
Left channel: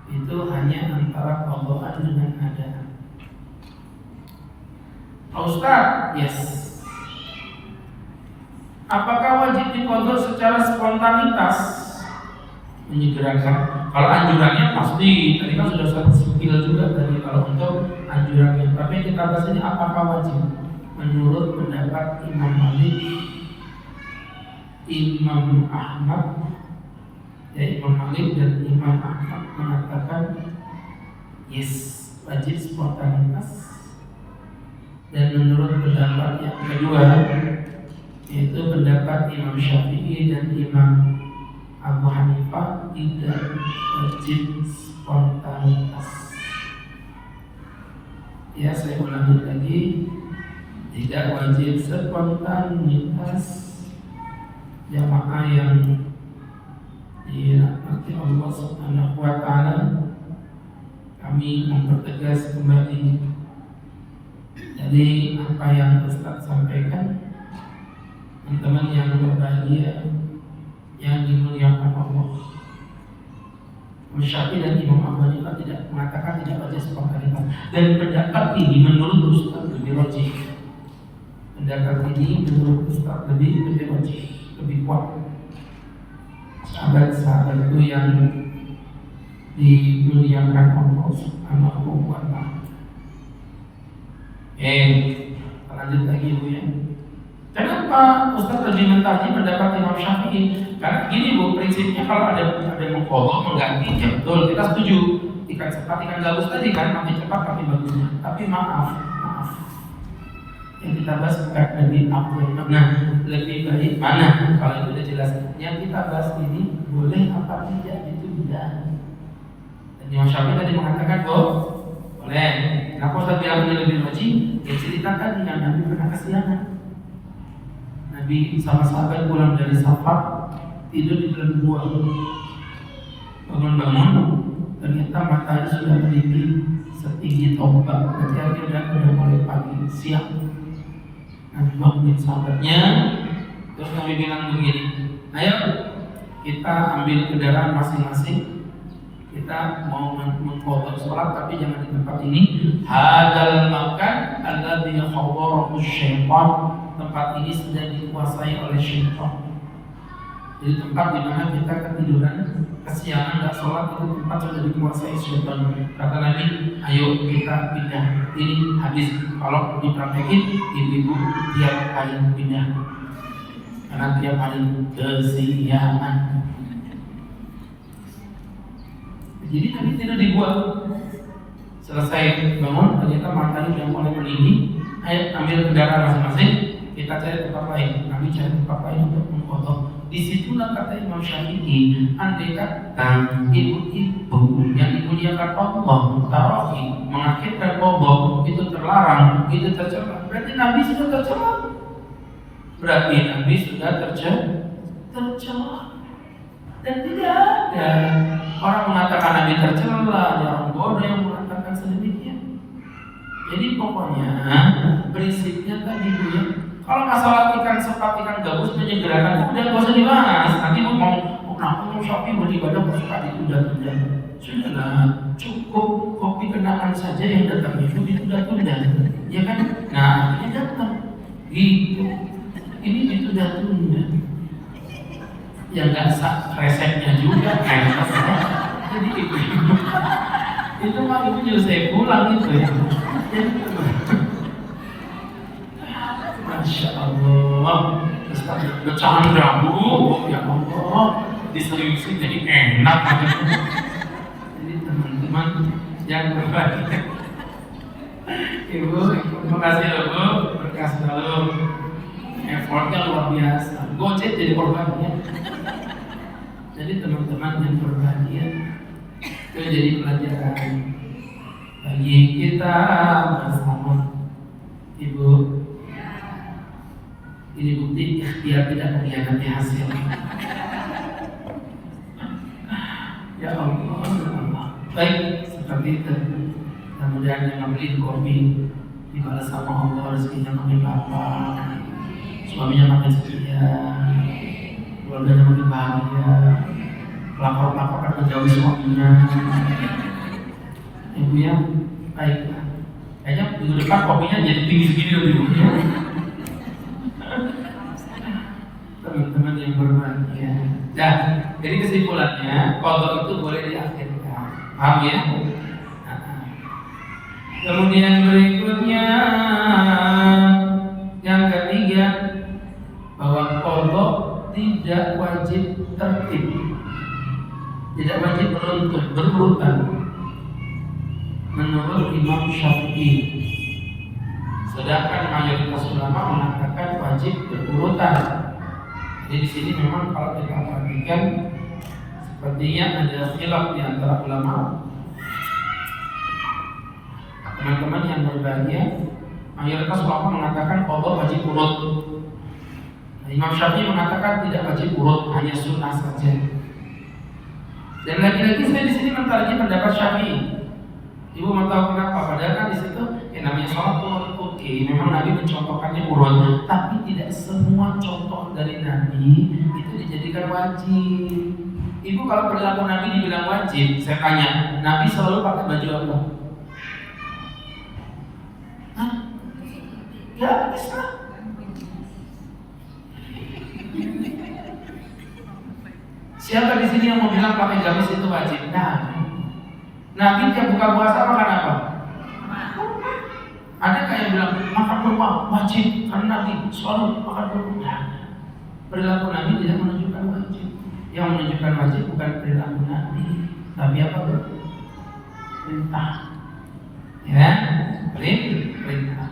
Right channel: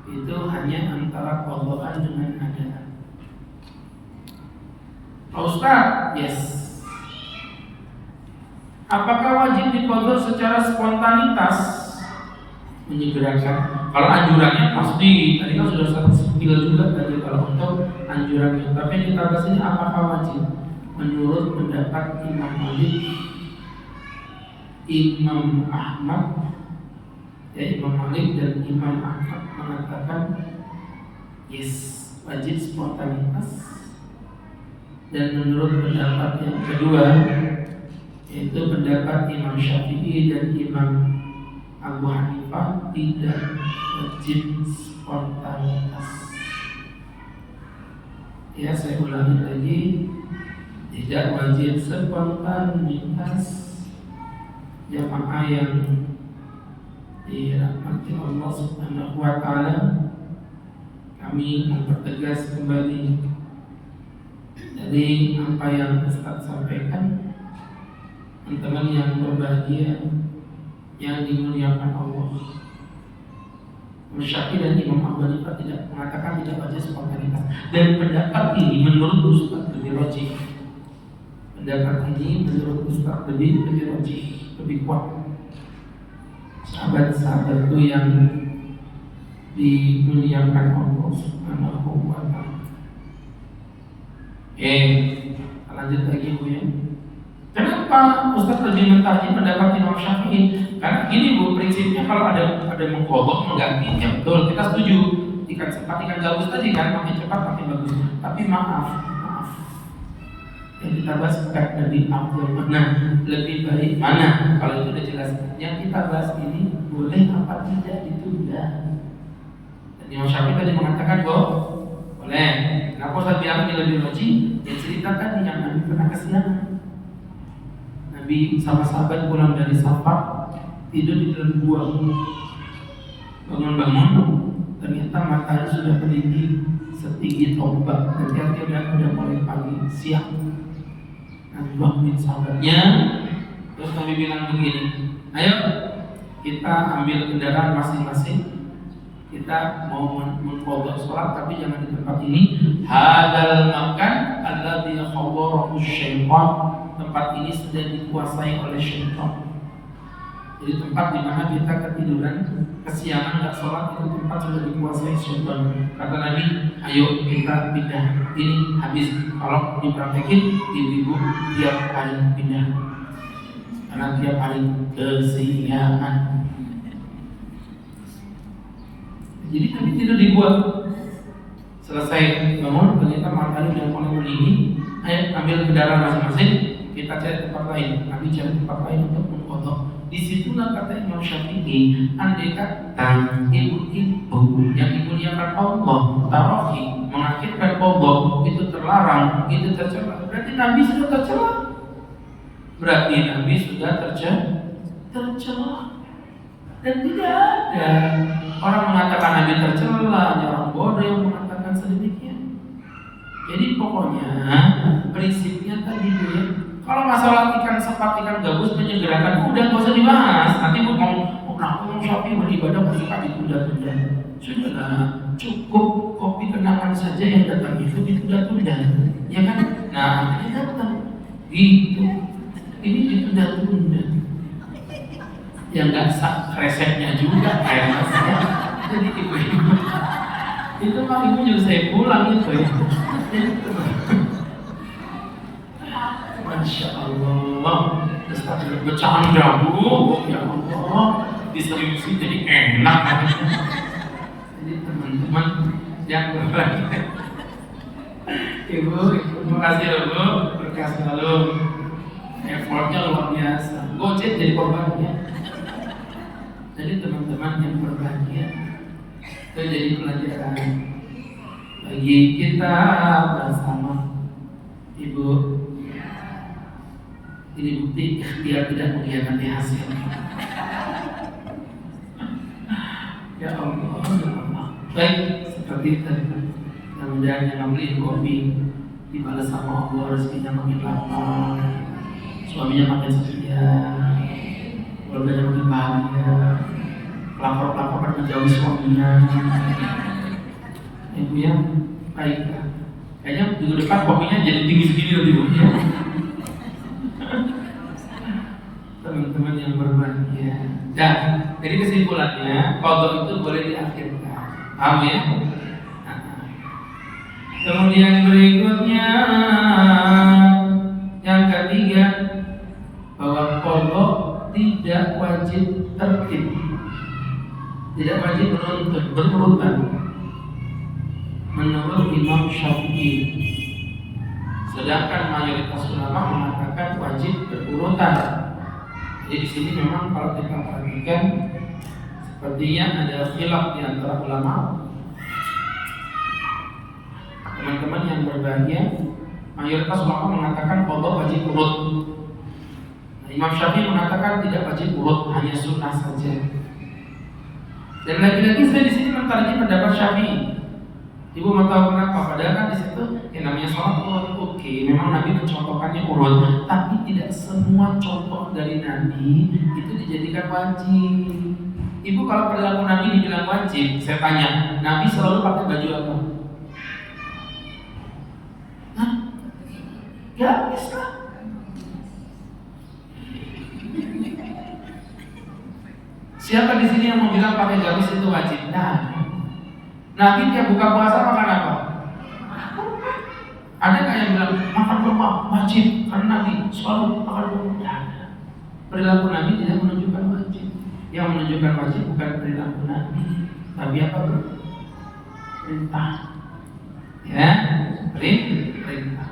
itu hanya antara qadhaan dengan adaan. Ustaz, yes. Apakah wajib diqadha secara spontanitas? Menyegerakan. Kalau anjurannya pasti, tadi kan sudah satu skill juga tadi kalau untuk anjurannya. Tapi kita bahas ini apakah wajib? Menurut pendapat Imam Malik, Imam Ahmad, Imam Malik dan Imam Ahmad mengatakan yes, wajib spontanitas. Dan menurut pendapat yang kedua, yaitu pendapat Imam Syafi'i dan Imam Abu Hanifah, tidak wajib spontanitas. Ya, saya ulangi lagi, tidak wajib spontanitas. Jamaah yang dirahmati Allah Subhanahu wa ta'ala, kami mempertegas kembali dari apa yang Ustaz sampaikan. Teman-teman yang berbahagia, yang dimuliakan Allah, Syafi'i dan Imam Abu Hanifah tidak mengatakan tidak wajib spontanitas. Dan pendapat ini menurut Ustaz lebih rajih. Pendapat ini menurut Ustaz lebih rajih, lebih kuat. Sahabat-sahabat itu yang dimuliakan Allah Subhanahu wa ta'ala. Lanjut lagi Bu ya. Kenapa Ustaz lebih mentarjih pendapat Imam Syafi'i? Karena gini Bu, prinsipnya kalau ada mengqadha mengganti, ya betul, kita setuju. Ikan cepat, ikan gabus tadi kan, makin cepat makin bagus. Tapi maaf, yang kita bahas bukan lebih afdal mana, lebih baik mana. Kalau itu sudah jelas. Yang kita bahas ini boleh apa tidak ditunda. Dan Imam Syafi'i tadi mengatakan boleh. Kenapa Ustaz diambil lebih wajib? Ya ceritakan yang Nabi pernah kesiangan. Nabi sama sahabat pulang dari safar, tidur di dalam gua. Bangun-bangun, ternyata matahari sudah meninggi setinggi tombak. Berarti udah mulai pagi, siang. Nabi bangunin sahabatnya, terus Nabi bilang begini, ayo kita ambil kendaraan masing-masing, kita mau mengqadha sholat tapi jangan di tempat ini. Hadal makan alladzi khawwarahu syaitan, tempat ini sudah dikuasai oleh syaitan. Jadi tempat di mana kita ketiduran, kesiangan nggak sholat, itu tempat sudah dikuasai syaitan. Kata Nabi, ayo kita pindah. Ini habis. Kalau dipraktekin, ibu-ibu tiap hari pindah. Karena tiap hari kesiangan. Jadi Nabi tidak dibuat. Selesai bangun, ternyata matahari yang mulai meninggi. Ayo ambil kendaraan masing-masing, kita cari tempat lain. Nabi cari tempat lain untuk mengqadha. Disitulah kata Imam Syafi'i, andai kata ibu-ibu yang dimuliakan Allah, tarawih, mengakhirkan qadha itu terlarang, itu tercela. Berarti Nabi sudah tercela. Berarti Nabi sudah tercela. Dan tidak ada orang mengatakan Nabi tercela, orang bodoh yang mengatakan sedemikian. Jadi pokoknya prinsipnya tadi ya, kalau masalah ikan sepat, ikan gabus menyegerakan, udah nggak usah dibahas. Nanti mau shopping beribadah bersuka ditunda-tunda. Sudahlah, cukup kopi kenangan saja yang datang itu ditunda-tunda, ya kan? Nah, ini datang, gitu. Ini ditunda-tunda. Yang nggak sah resepnya juga kayaknya. Jadi itu mah ibu nyusahin pulang itu. Masya Allah, bercanda bu, ya Allah, diseriusin jadi enak. Jadi teman-teman yang berbahagia, ibu, terima kasih bu, berkah selalu, effortnya luar biasa. Gojek jadi korban ya. Jadi teman-teman yang berbahagia, itu jadi pelajaran bagi kita bersama. Ibu, ini bukti ikhtiar tidak mengkhianati hasil. Ya Allah, baik seperti itu. Kemudian yang membeli kopi dibalas sama Allah, rezekinya makin lapar, suaminya makin setia, keluarganya makin bahagia, pelakor-pelakor akan menjauhi suaminya. Ibu ya, baiklah. Kayaknya minggu depan kopinya jadi tinggi segini lebih banyak. Teman-teman yang berbahagia. Nah, jadi kesimpulannya, qadha itu boleh diakhirkan. Paham ya? Nah. Kemudian berikutnya yang ketiga, bahwa qadha tidak wajib tertib, tidak wajib berurutan. Menurut Imam Syafi'i, sedangkan mayoritas ulama mengatakan wajib berurutan. Jadi di sini memang kalau kita perhatikan, sepertinya ada khilaf di antara ulama. Teman-teman yang berbahagia, mayoritas ulama mengatakan qadha wajib urut. Nah, Imam Syafi'i mengatakan tidak wajib urut, hanya sunnah saja. Dan lagi-lagi saya di sini mentarjih pendapat Syafi'i. Ibu mau tahu kenapa? Padahal kan di situ namanya sholat urut, oke, memang Nabi mencontohkannya urut, tapi tidak semua contoh dari Nabi itu dijadikan wajib. Ibu kalau perilaku Nabi dibilang wajib, saya tanya, Nabi selalu pakai baju apa? Hah? Ya bisa. Siapa di sini yang mau bilang pakai gamis itu wajib? Nah, Nabi yang buka puasa makan apa? Ada nggak yang bilang makan kurma wajib karena Nabi selalu makan kurma? Perilaku Nabi tidak menunjukkan wajib. Yang menunjukkan wajib bukan perilaku Nabi, tapi apa? Perintah. Ya, perintah.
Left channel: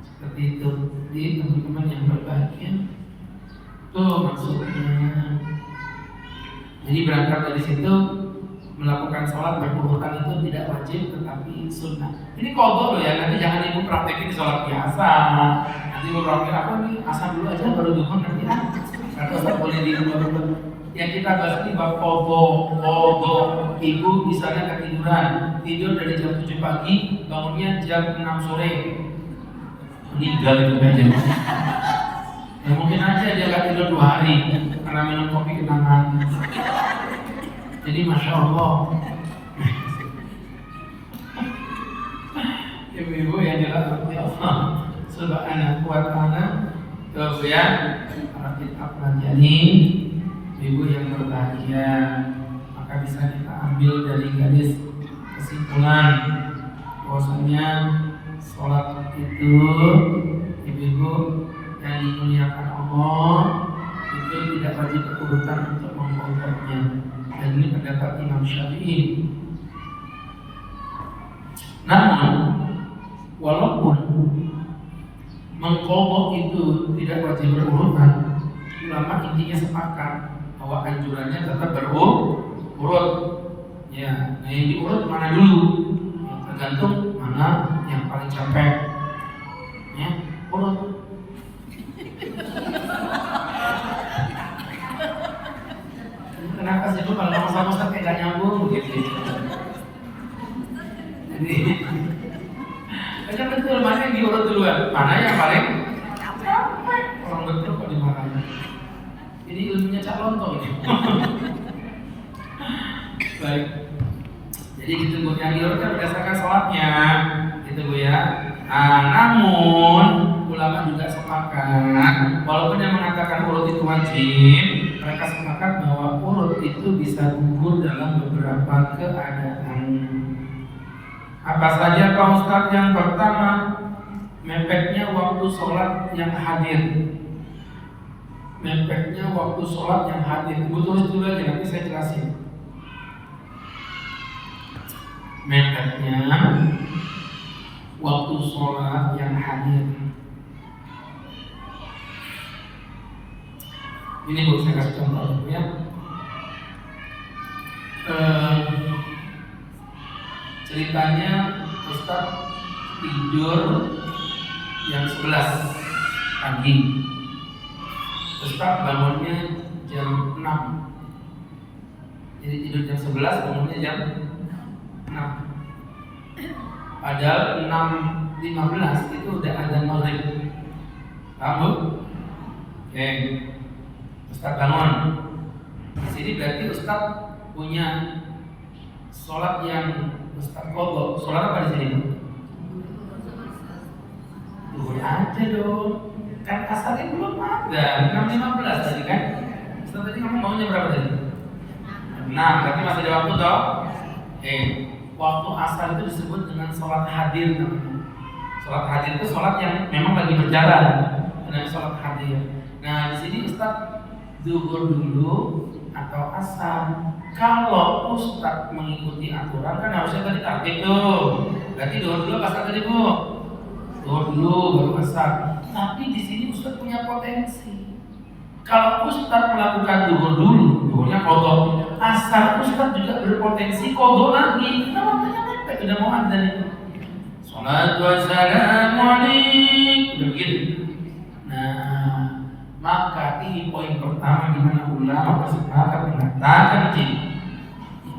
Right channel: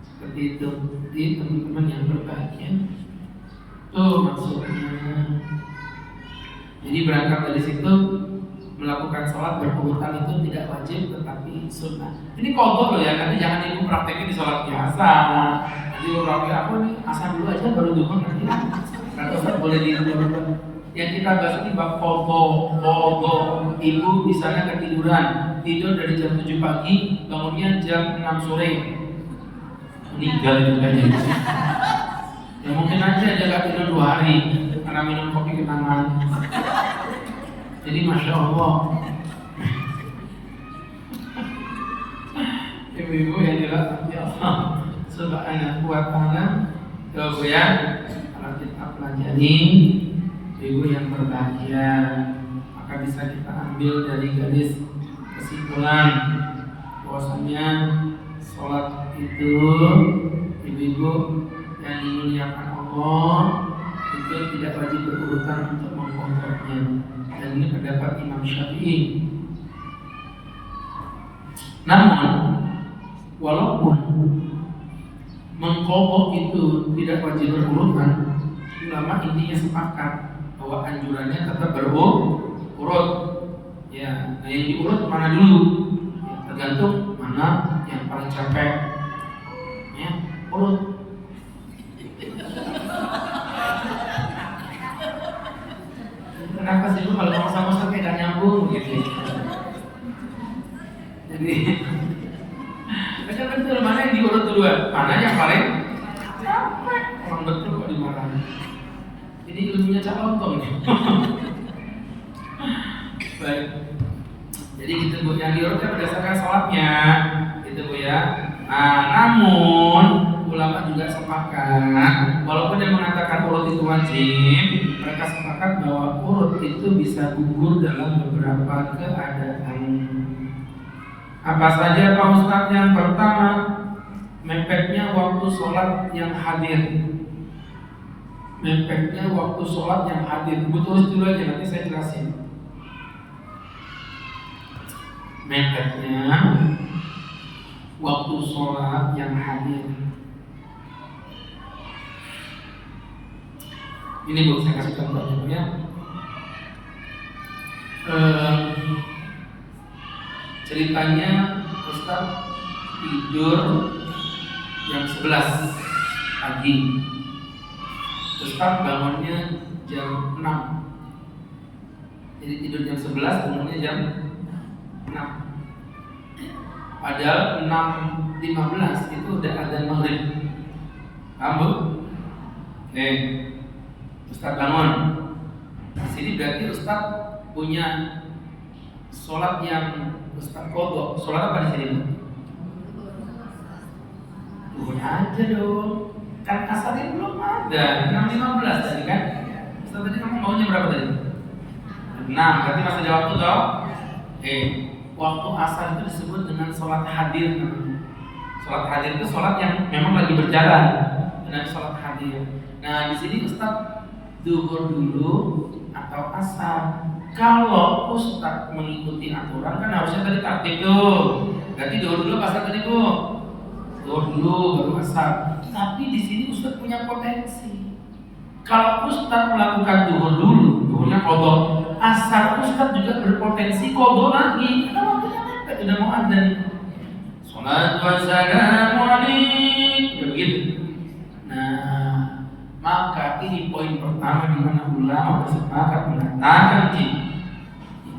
Seperti itu. Di teman-teman yang berbahagia. Tuh maksudnya. Jadi berangkat dari situ, melakukan sholat berurutan itu tidak wajib tetapi sunnah. Ini qadha loh ya, nanti jangan ibu praktekin di sholat biasa. Nanti ibu praktek apa nih, asal dulu aja baru dukung nanti. Karena Ustaz boleh diubah. Yang kita bahas ini bab qadha. Ibu di sana ketiduran, tidur dari jam 7 pagi, bangunnya jam 6 sore. meninggal itu aja. Ya mungkin aja dia gak tidur 2 hari karena minum kopi kenangan. Jadi masya Allah, ibu-ibu yang dirahmati Allah Subhanahu wa Ta'ala, coba ya kalau kita pelajari ibu yang berbahagia, maka bisa kita ambil dari garis kesimpulan bahwasanya sholat itu ibu-ibu yang dimuliakan Allah itu tidak wajib berurutan untuk mengkodoknya, dan ini pendapat Imam Syafi'i. Namun walaupun mengkodok itu tidak wajib berurutan, ulama intinya sepakat bahwa anjurannya tetap berurut. Ya, nah yang diurut mana dulu? Ya, tergantung mana yang paling capek. Ya, urut. Kenapa sih lu kalau ngomong sama kayak gak nyambung gitu? Jadi, macam betul mana yang diurut duluan, mana yang paling capek? Orang betul kok dimarahin. Jadi ilmunya cak lontong nih. Baik. Jadi gitu Bu, yang diurutkan berdasarkan sholatnya, gitu Bu ya. Nah, namun ulama juga sepakat, walaupun yang mengatakan urut itu wajib, mereka sepakat bahwa urut itu bisa gugur dalam beberapa keadaan. Apa saja Pak Ustadz? Yang pertama, mepetnya waktu sholat yang hadir. Mepetnya waktu sholat yang hadir. Bu tulis dulu aja, nanti saya jelasin. Mepetnya waktu sholat yang hadir. Ini Bu, saya kasih contoh ya. Ceritanya Ustaz tidur jam 11 pagi. Ustaz bangunnya jam 6. Jadi tidur jam 11, bangunnya jam 6. Padahal 6.15 itu udah adzan maghrib. Paham Bu? Oke. Ustaz bangun. Di sini berarti Ustaz punya sholat yang Ustaz kodok. Sholat apa di sini? Duhur aja dong. Kan asarnya belum ada. 6.15 tadi kan? Ustaz tadi kamu maunya berapa tadi? 6. Berarti masih ada waktu toh? Waktu asar itu disebut dengan sholat hadir. Sholat hadir itu sholat yang memang lagi berjalan. Dan sholat hadir. Nah di sini Ustaz duhur dulu atau asar. Kalau Ustaz mengikuti aturan kan harusnya tadi taktik tuh. Berarti duhur dulu asar tadi Bu. Duhur dulu baru asar. Tapi di sini Ustaz punya potensi. Kalau Ustaz melakukan duhur dulu, duhurnya kodok. Asar Ustaz juga berpotensi kodok lagi. Karena waktunya mepet udah mau adzan itu. Sholatu wassalamu alaikum. Udah begitu. Nah, maka ini poin pertama di mana ulama bersepakat mengatakan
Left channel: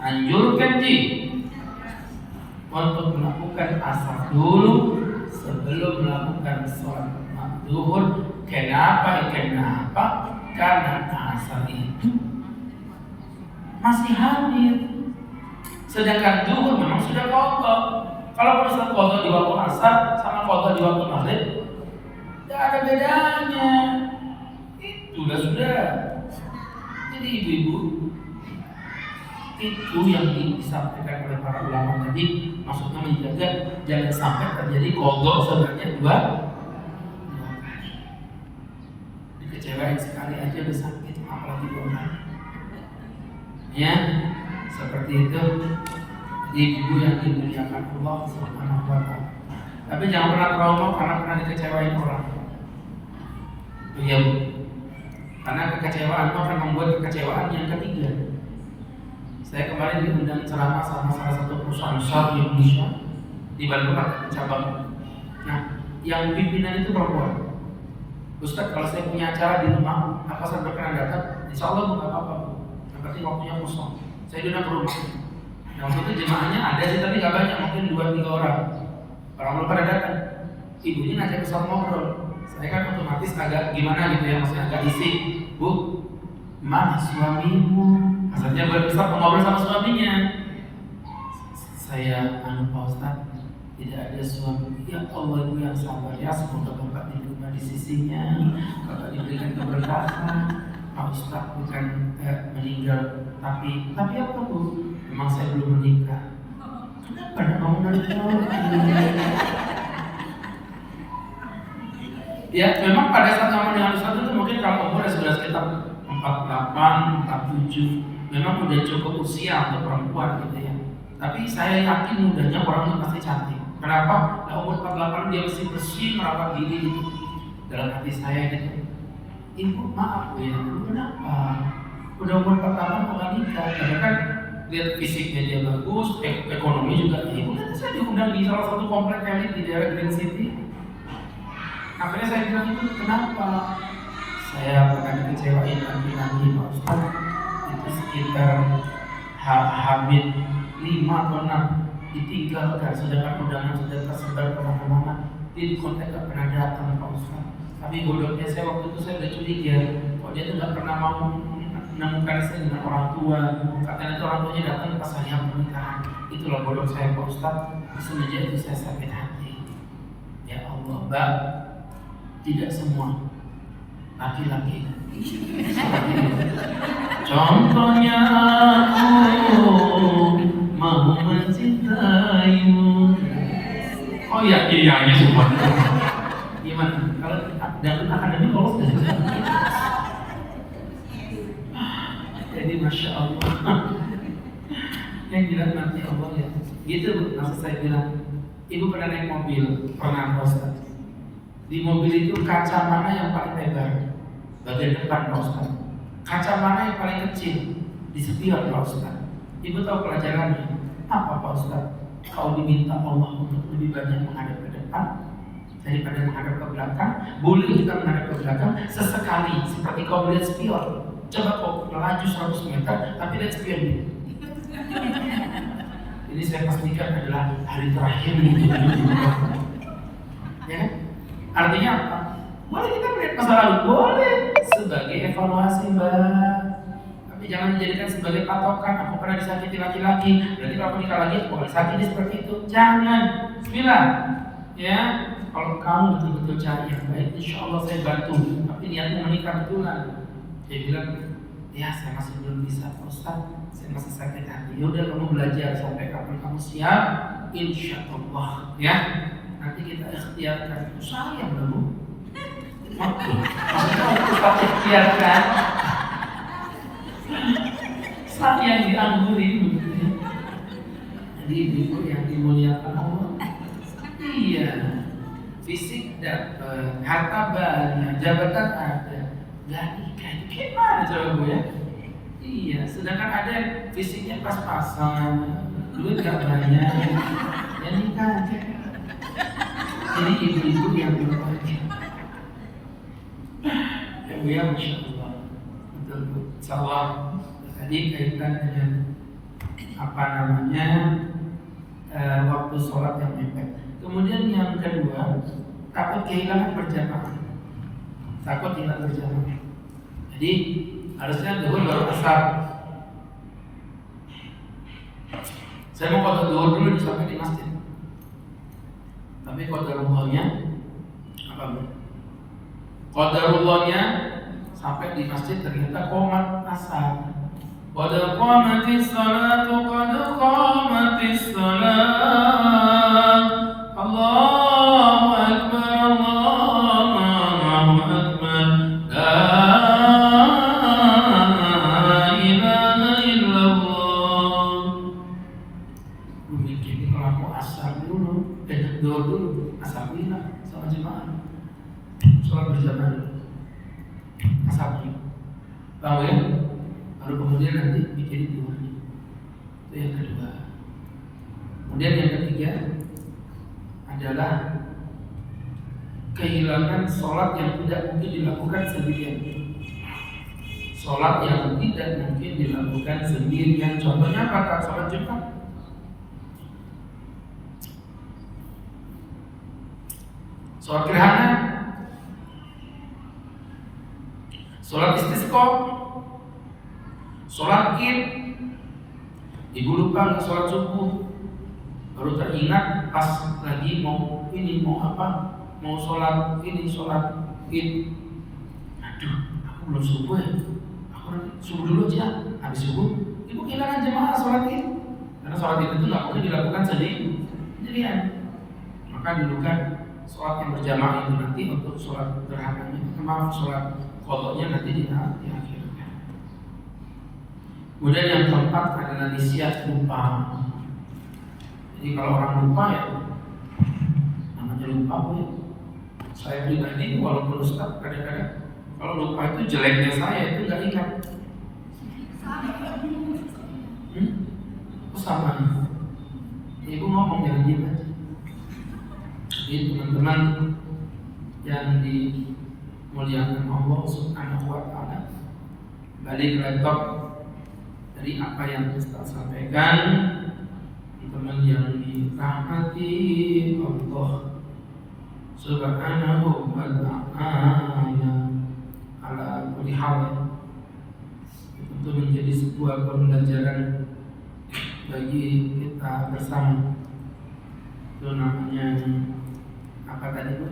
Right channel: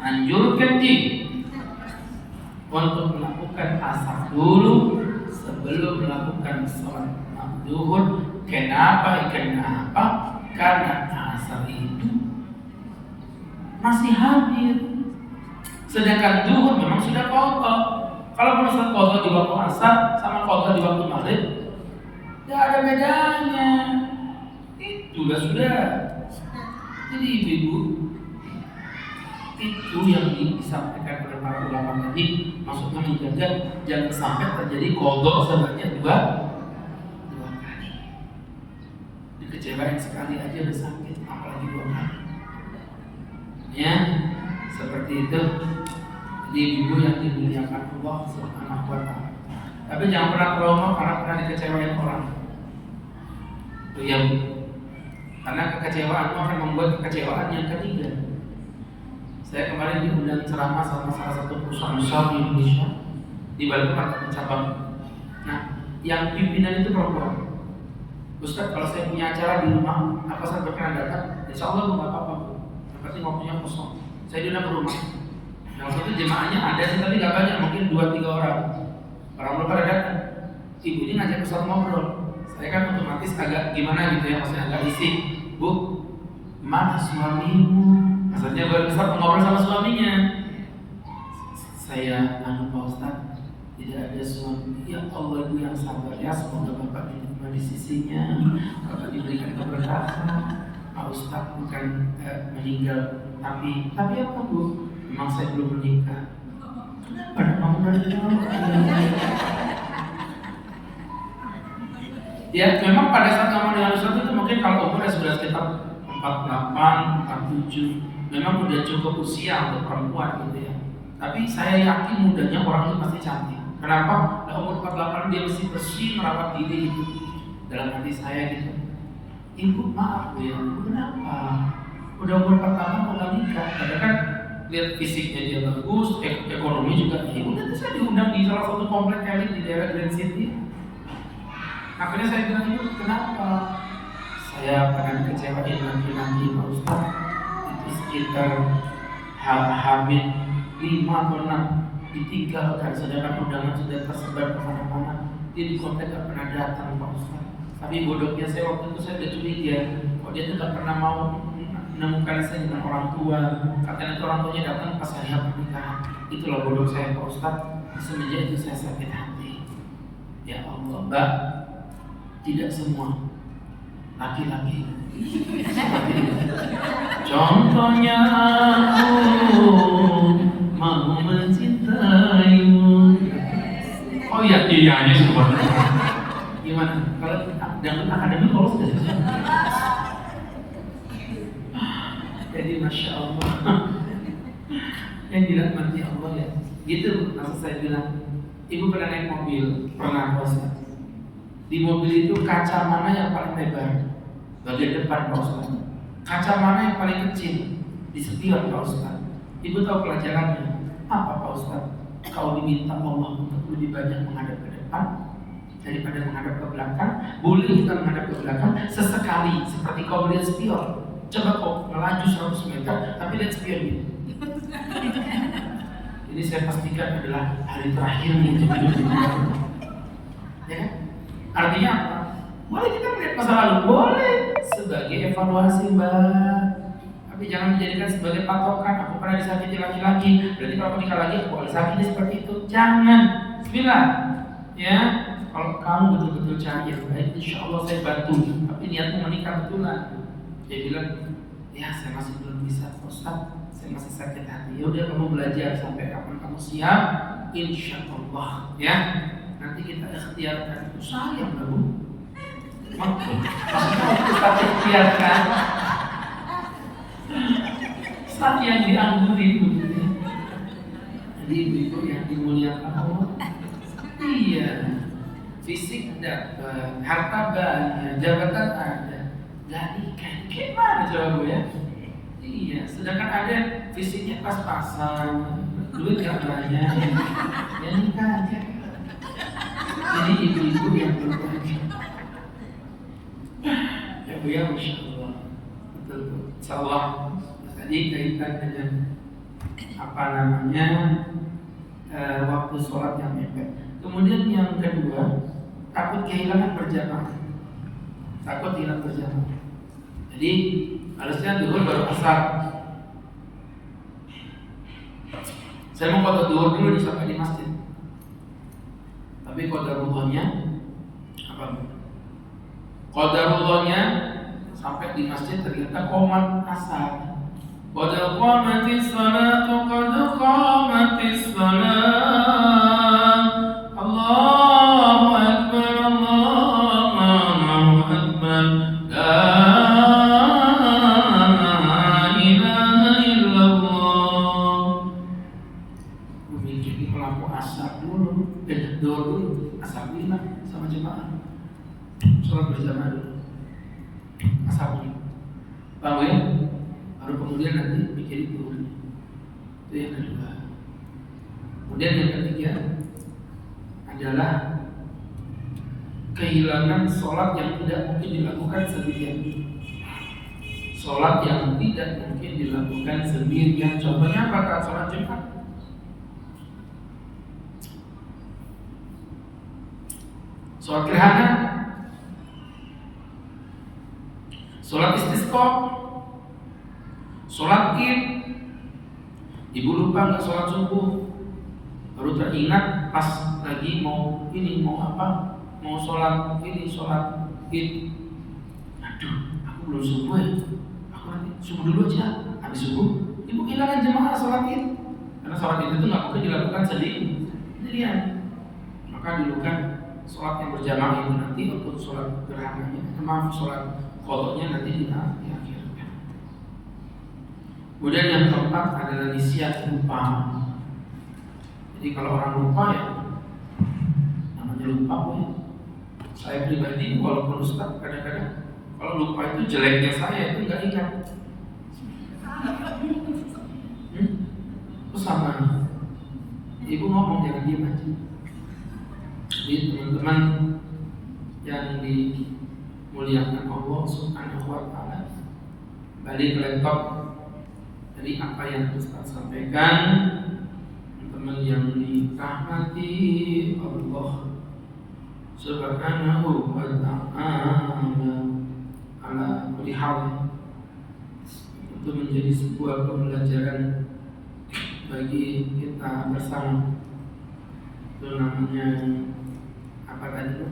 anjurkan untuk melakukan asar dulu sebelum melakukan sholat zuhur. Kenapa? Karena asar itu masih hadir, sedangkan zuhur memang sudah qadha. Kalau misal qadha di waktu asar sama qadha di waktu maghrib, tidak ada bedanya. Sudah. Jadi ibu-ibu, itu yang disampaikan oleh para ulama tadi, maksudnya menjaga jangan sampai terjadi kodok sebanyak 2 kali. Dikecewain sekali aja udah sakit, apalagi 2 kali. Ya, seperti itu. Jadi ibu yang dimuliakan Allah Subhanahu wa Ta'ala. Tapi jangan pernah trauma karena pernah dikecewain orang. Ya, karena kekecewaan akan membuat kekecewaan yang ketiga. Saya kemarin diundang ceramah sama salah satu perusahaan besar di Indonesia di Balikpapan ada cabang. Nah, yang pimpinan itu perempuan. Ustaz, kalau saya punya acara di rumah, apa saya berkenan datang? Insya Allah nggak apa-apa. Seperti waktunya kosong. Saya diundang ke rumah. Nah, waktu itu jemaahnya ada sih tapi nggak banyak, mungkin 2-3 orang. Orang belum pada datang. ibunya ngajak Ustaz ngobrol. Saya kan otomatis agak gimana gitu ya, maksudnya agak risih. Bu, mana suamimu? Maksudnya baru Ustaz ngobrol sama suaminya. Saya Pak Ustaz, tidak ada suami. Ya Allah, ibu yang sabar ya, semoga bapak diterima di sisinya, bapak diberikan keberkahan. Pak Ustaz bukan meninggal, tapi apa Bu? Memang saya belum menikah. Kenapa kamu ya, memang pada saat kamu dengan Ustaz itu mungkin kalau umurnya sudah sekitar 48, 47, memang udah cukup usia untuk perempuan gitu ya. Tapi saya yakin mudanya orang itu pasti cantik. Kenapa? Nah, umur 48 dia mesti bersih, merawat diri gitu. Dalam hati saya gitu, ibu maaf ya, kenapa? Udah umur 48 mau nikah, padahal kan lihat fisiknya dia bagus, ekonomi juga. Ibu nanti saya diundang di salah satu komplek elit di daerah Grand City. Akhirnya saya bilang, ibu kenapa? Saya akan kecewain laki-laki Pak Ustaz. Itu sekitar Habib 5 atau 6 ditinggalkan, sedangkan undangan sudah tersebar kemana-mana. Dia di kontak gak pernah datang Pak Ustaz. Tapi bodohnya saya waktu itu saya udah curiga, kok dia tuh gak pernah mau menemukan saya dengan orang tua. Katanya itu orang tuanya datang pas hari pernikahan. Itulah bodoh saya Pak Ustaz. Semenjak itu saya sakit hati. Ya Allah, Mbak, tidak semua laki-laki contohnya aku mau mencintaimu. Oh iya, hanya semua. Gimana? Kalau dan akademi kalau jadi Masya Allah. Yang dirahmati Allah ya. Gitu Bu, maksud saya bilang, ibu pernah naik mobil, pernah Ustaz. Di mobil itu kaca mana yang paling lebar? Bagian depan Pak Ustaz. Kaca mana yang paling kecil? Di spion Pak Ustaz. Ibu tahu pelajarannya? Apa Pak Ustaz? Kau diminta Allah untuk lebih banyak menghadap ke depan daripada menghadap ke belakang. Boleh kita menghadap ke belakang sesekali, seperti kau lihat spion. Coba kau melaju 100 meter, tapi lihat spion ini. Jadi saya pastikan adalah hari terakhir ini. Ya kan? Artinya apa? Boleh kita melihat masa lalu, boleh sebagai evaluasi Mbak. Tapi jangan dijadikan sebagai patokan. Aku pernah disakiti laki-laki, berarti kalau aku nikah lagi aku boleh sakiti seperti itu. Jangan. Bismillah. Ya, kalau kamu betul-betul cari yang baik, insya Allah saya bantu. Tapi niatnya menikah betulan. Dia bilang, ya saya masih belum bisa Ustaz, saya masih sakit hati. Ya udah kamu belajar sampai kapan kamu siap, insya Allah. Ya. Nanti kita ikhtiarkan. Sayang Bu. Kita ikhtiarkan. Sayang diangguri. Jadi ibu yang dimuliakan Allah. Iya. Fisik dapat, harta banyak, jabatan ada, gak nikah. Gimana coba Bu ya? Iya. Sedangkan ada fisiknya pas-pasan, duit gak banyak, ya nikah aja. Jadi ibu-ibu yang berbahagia. Ya Bu ya, Masya Allah. Betul Bu. Insyaallah tadi kaitan dengan apa namanya waktu sholat yang mepet. Kemudian yang kedua, takut kehilangan berjamaah. Takut hilang berjamaah. Jadi harusnya duhur baru asar. Saya mau qada duhur dulu sampai di masjid. Tapi qadarullah-nya apa? Qadarullah-nya sampai di masjid ternyata qomat asar. Qad qamatis salatu, qad qamatis salat. Allahu akbar, Allahu akbar. La ilaha illallah. Mungkin di kelompok asar dulu, dulu asar dulu sama jemaah. Sholat berjamaah dulu. Asar dulu. Paham ya? Baru kemudian nanti bikin itu. Itu yang kedua. Kemudian yang ketiga adalah kehilangan sholat yang tidak mungkin dilakukan sendirian. Sholat yang tidak mungkin dilakukan sendirian. Contohnya apa? Sholat Jumat. sholat gerhana, sholat istisqa, sholat id. Ibu lupa nggak sholat subuh, baru teringat pas lagi mau sholat ini, sholat id. Aduh, aku belum subuh ya. Aku nanti subuh dulu aja. Habis subuh, ibu kehilangan jemaah sholat id. Karena sholat id itu nggak boleh dilakukan sendirian. Maka dulu kan sholat yang berjamaah itu nanti untuk sholat gerhananya, sholat qadanya nanti di akhir. Kemudian yang keempat adalah nisyan, lupa. Jadi kalau orang lupa ya namanya lupa ya. Saya pribadi walaupun Ustaz kadang-kadang kalau lupa itu jeleknya saya itu nggak ingat. Itu sama. Ibu ngomong jangan diam aja. Jadi teman-teman yang dimuliakan Allah Subhanahu wa taala, balik laptop dari apa yang Ustaz sampaikan, teman yang dirahmati Allah Subhanahu wa ta'ala, ala kulli hal, itu menjadi sebuah pembelajaran bagi kita bersama. Itu namanya apa tadi,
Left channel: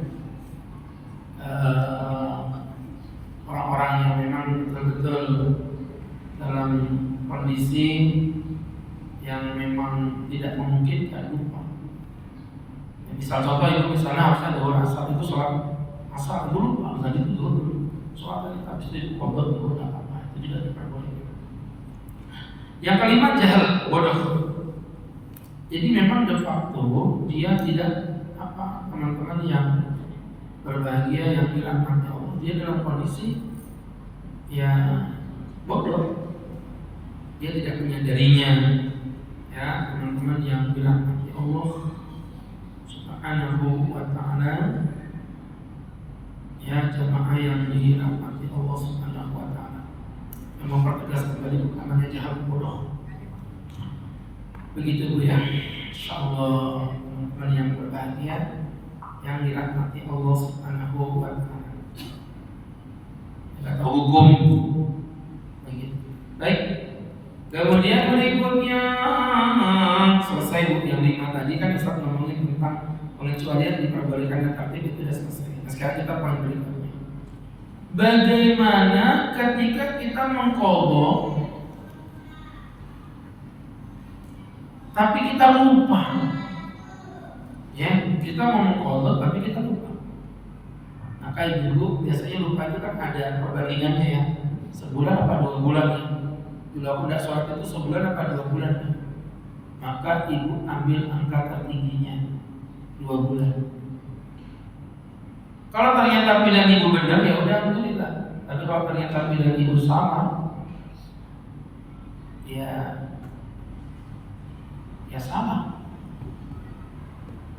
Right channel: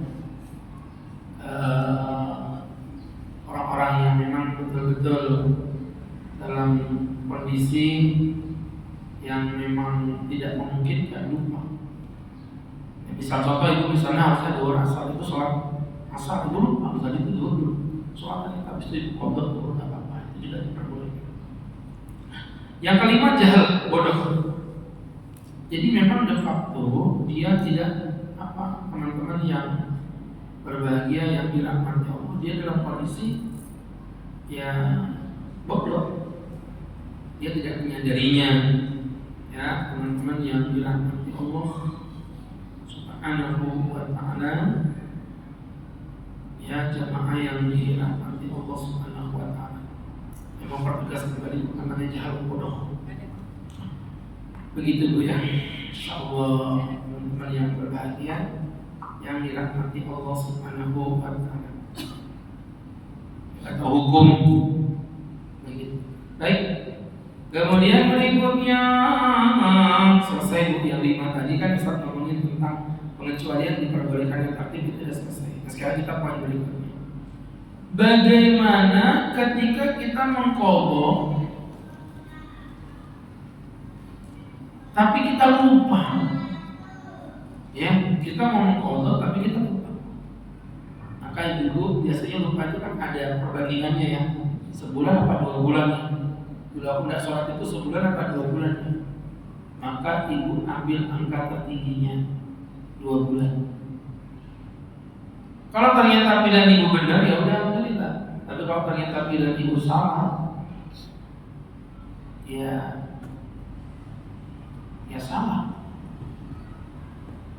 orang-orang yang memang betul-betul dalam kondisi yang memang tidak memungkinkan lupa. Ya, misal contoh itu misalnya harusnya ada orang asal itu sholat asal dulu, tadi itu dulu soalnya habis itu kodok dulu nggak apa-apa, itu tidak diperbolehkan. Yang kelima jahal, bodoh. Jadi memang de facto dia tidak teman-teman yang berbahagia yang dirahmati Allah, dia dalam kondisi ya bodoh. Dia tidak menyadarinya, ya teman-teman yang dirahmati Allah Subhanahu wa ta'ala, ya jamaah yang dirahmati Allah Subhanahu wa ta'ala. Yang mempertegas kembali namanya jahal bodoh. Begitu Bu ya, insyaallah teman-teman yang berbahagia yang dirahmati Allah Subhanahu wa ta'ala. Kata hukum baik. Kemudian berikutnya selesai Bu yang 5 tadi kan Ustaz ngomongin tentang pengecualian diperbolehkannya tertib, itu sudah selesai. Nah, sekarang kita poin berikutnya. Bagaimana ketika kita mengqadha tapi kita lupa? Ya, kita mau mengqadha tapi kita lupa. Maka dulu biasanya lupa itu kan ada perbandingannya ya. Sebulan apa 2 bulan ya. Dulu aku tidak sholat itu sebulan apa 2 bulan. Maka ibu ambil angka tertingginya 2 bulan. Kalau ternyata pilihan ibu benar ya udah alhamdulillah. Tapi kalau ternyata pilihan ibu salah, ya salah.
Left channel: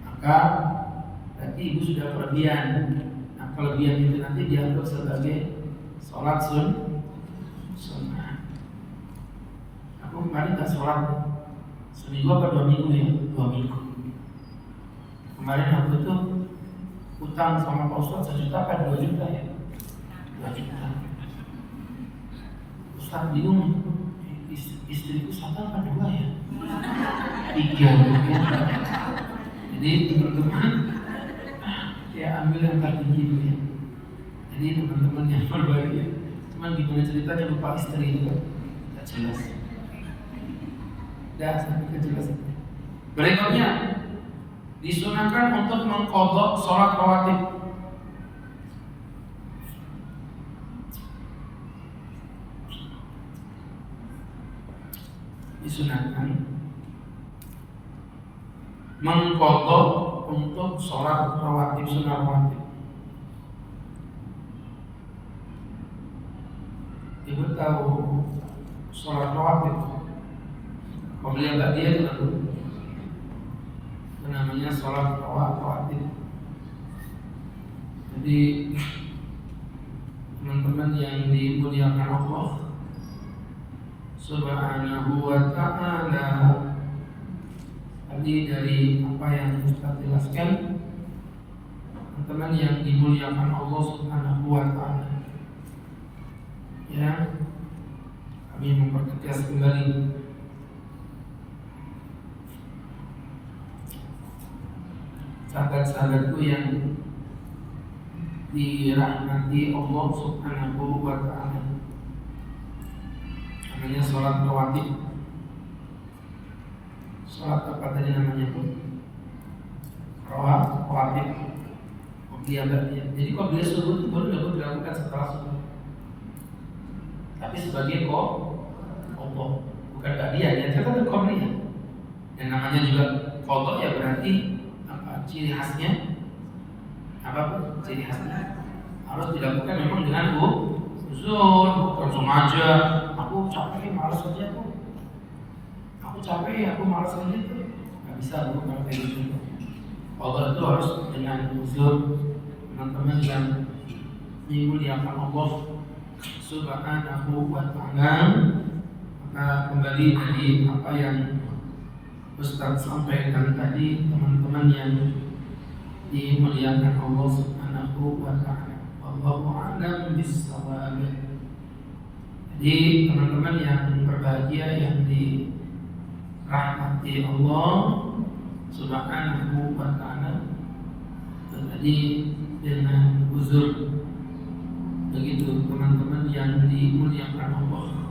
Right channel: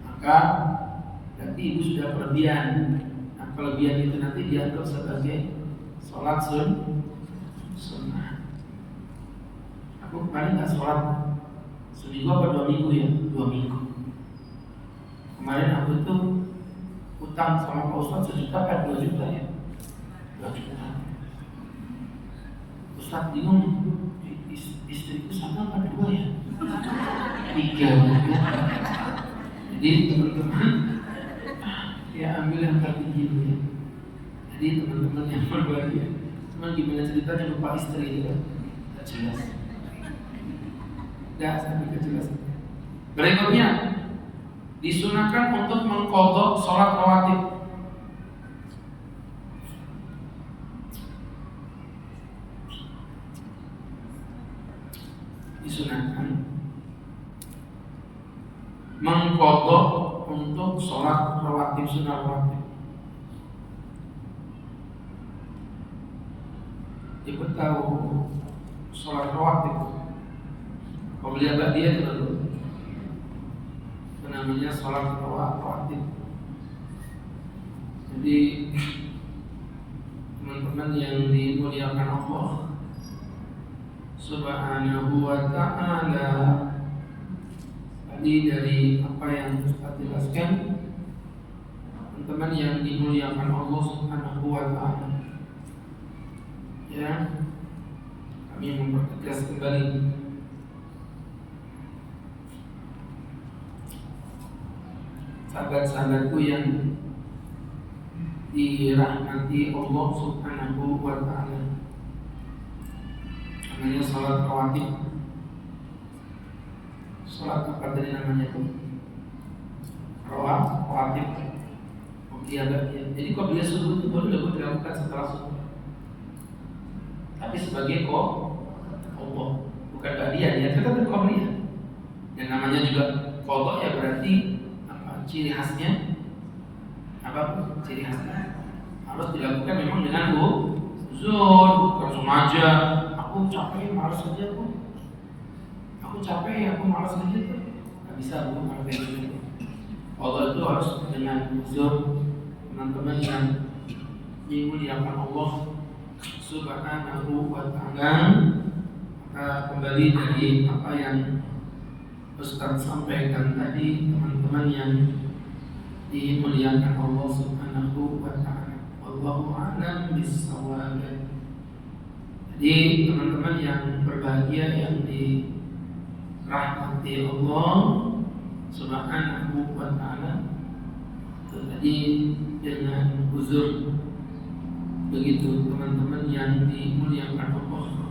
Maka berarti ibu sudah kelebihan. Nah, kelebihan itu nanti dianggap sebagai sholat sunnah. Aku kemarin nggak sholat seminggu apa 2 minggu ya, 2 minggu. Kemarin aku itu utang sama Pak Ustadz 1 juta kan 2 juta ya, 2 juta. Ustadz bingung, istriku 1 apa 2 ya, 3 ya. Jadi teman-teman ya ambil yang tertinggi ya. Jadi teman-teman yang berbahagia, cuman gimana ceritanya lupa istri itu kan, tidak jelas. Sampai kejelasan. Berikutnya disunahkan untuk mengqadha sholat rawatib. Disunahkan mengqadha untuk sholat rawatib, sunnah rawatib. Ibu tahu sholat rawatib? Kalau lihat dia itu namanya sholat rawatib. Jadi teman-teman yang dimuliakan Allah Subhanahu wa ta'ala, tadi dari apa yang Ustaz jelaskan, teman-teman teman-teman yang dimuliakan Allah Subhanahu wa taala. Ya, kami mempertegas kembali sahabat-sahabatku yang dirahmati Allah Subhanahu wa taala. Namanya sholat rawatib. Sholat apa tadi namanya tuh? Rawatib. Jadi qobliyah subuh itu baru dapat dilakukan setelah subuh. Tapi sebagai Allah, bukan ba'diyah, ya tetap qobliyah. Yang namanya juga qadha ya berarti apa? Ciri khasnya apa? Ciri khasnya harus dilakukan memang dengan uzur, bukan sengaja. Aku capek, malas saja tuh. Aku capek, aku malas saja tuh. Gak bisa bu, kalau kayak gitu. Qadha itu harus dengan uzur. Teman-teman yang dimuliakan Allah Subhanahu wa taala, maka kembali dari apa yang Ustaz sampaikan tadi, teman-teman yang dimuliakan Allah Subhanahu wa taala. Wallahu a'lam bissawab. Jadi teman-teman yang berbahagia yang dirahmati Allah Subhanahu wa taala, tadi dengan uzur. Begitu teman-teman yang dimuliakan Allah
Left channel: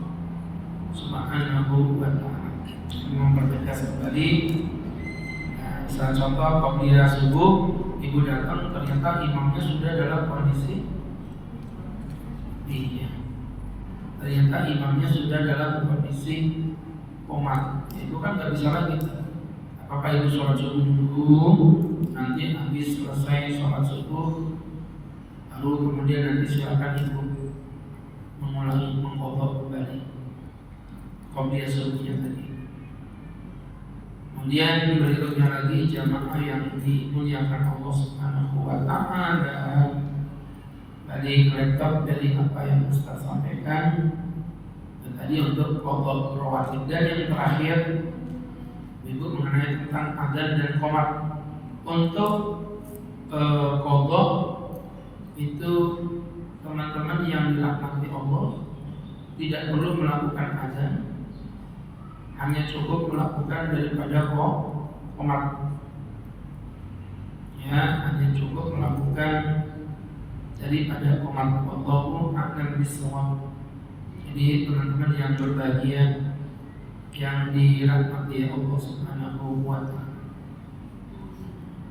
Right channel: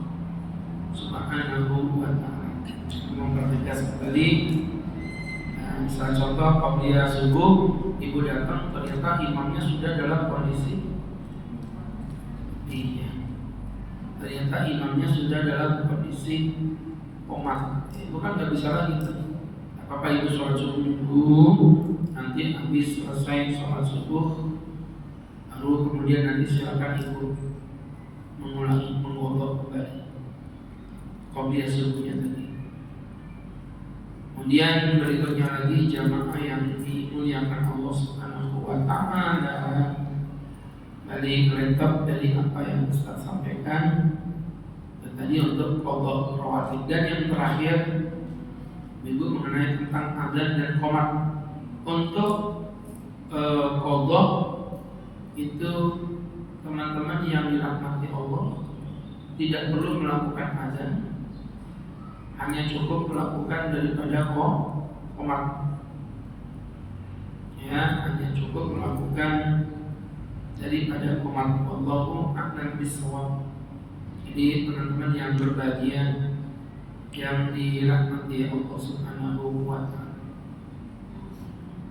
Subhanahu wa taala. Mempertegas kembali. Misalnya contoh qobliyah subuh, ibu datang ternyata imamnya sudah dalam kondisi ternyata imamnya sudah dalam kondisi koma. Itu kan nggak bisa lagi. Apa ibu sholat subuh dulu, nanti habis selesai sholat subuh lalu kemudian nanti silakan ibu mengulangi mengqadha kembali qobliyah subuhnya tadi. Kemudian berikutnya lagi jamaah yang dimuliakan Allah Subhanahu wa taala. Balik laptop dari apa yang Ustaz sampaikan tadi untuk qadha rawatib. Dan yang terakhir ibu mengenai tentang adzan dan qomat. Untuk qadha itu teman-teman yang dirahmati Allah tidak perlu melakukan adzan, hanya cukup melakukan daripada qomat. Ya, hanya cukup melakukan daripada qomat. Allahu a'lam bissawab. Jadi teman-teman yang berbahagia yang dirahmati Allah Subhanahu wa taala.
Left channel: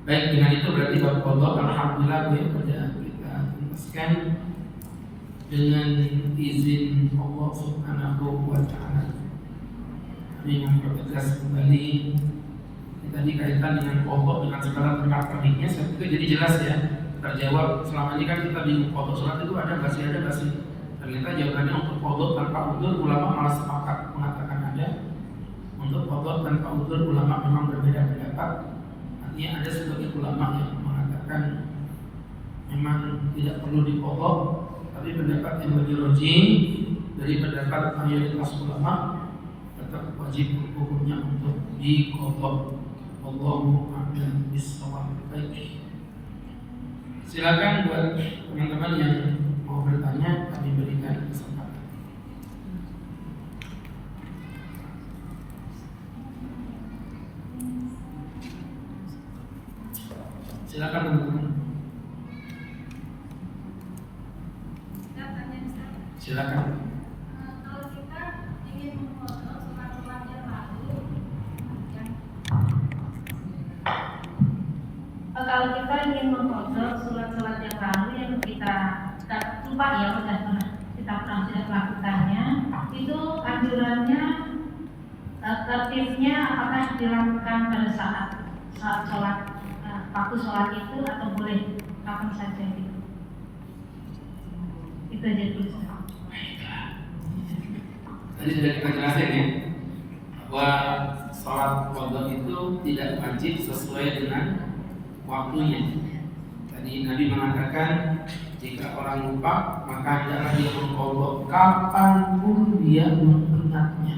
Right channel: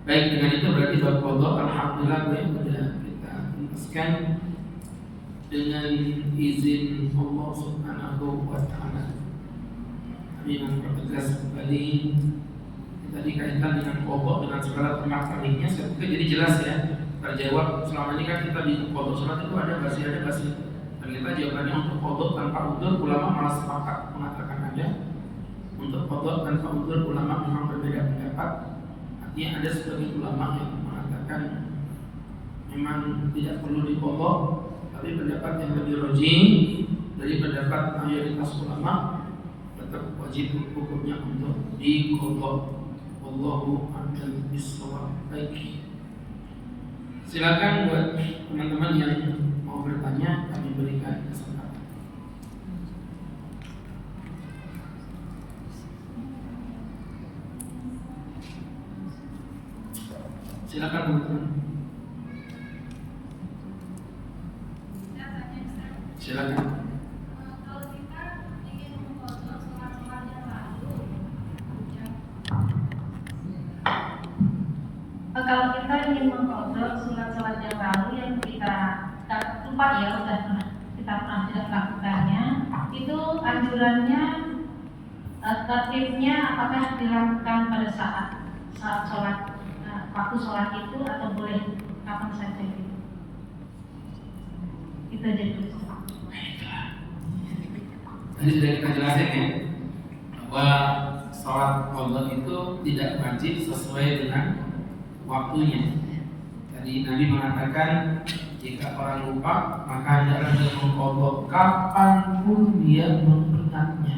Baik, dengan itu berarti bab qadha alhamdulillah ya sudah kita tuntaskan dengan izin Allah Subhanahu wa taala. Kami mempertegas kembali tadi kaitan dengan qadha dengan segala pernak-perniknya. Saya pikir jadi jelas ya, terjawab. Selama ini kan kita di qadha salat itu ada basi. Ternyata jawabannya untuk qadha tanpa udzur ulama malah sepakat mengatakan ada. Untuk qadha tanpa udzur ulama memang berbeda pendapat. Artinya ada sebagian ulama yang mengatakan memang tidak perlu diqadha, tapi pendapat yang lebih rajih dari pendapat mayoritas ulama tetap wajib hukumnya untuk diqadha. Wallahu a'lam bissawab. Baik. Silakan buat teman-teman yang mau bertanya, kami berikan kesempatan. Silakan teman-teman. Silakan. Kalau kita ingin memfoto sholat-sholat yang lalu, kalau kita ingin memfoto sholat-sholat yang lalu yang kita lupa ya kita pernah tidak melakukannya, itu anjurannya tertibnya apakah dilakukan pada saat sholat waktu sholat itu atau boleh kapan saja gitu? Itu aja dulu. Tadi sudah kita jelasin ya bahwa sholat qadha itu tidak wajib sesuai dengan waktunya. Tadi Nabi mengatakan jika orang lupa maka hendaklah dia mengqadha kapanpun dia mengingatnya.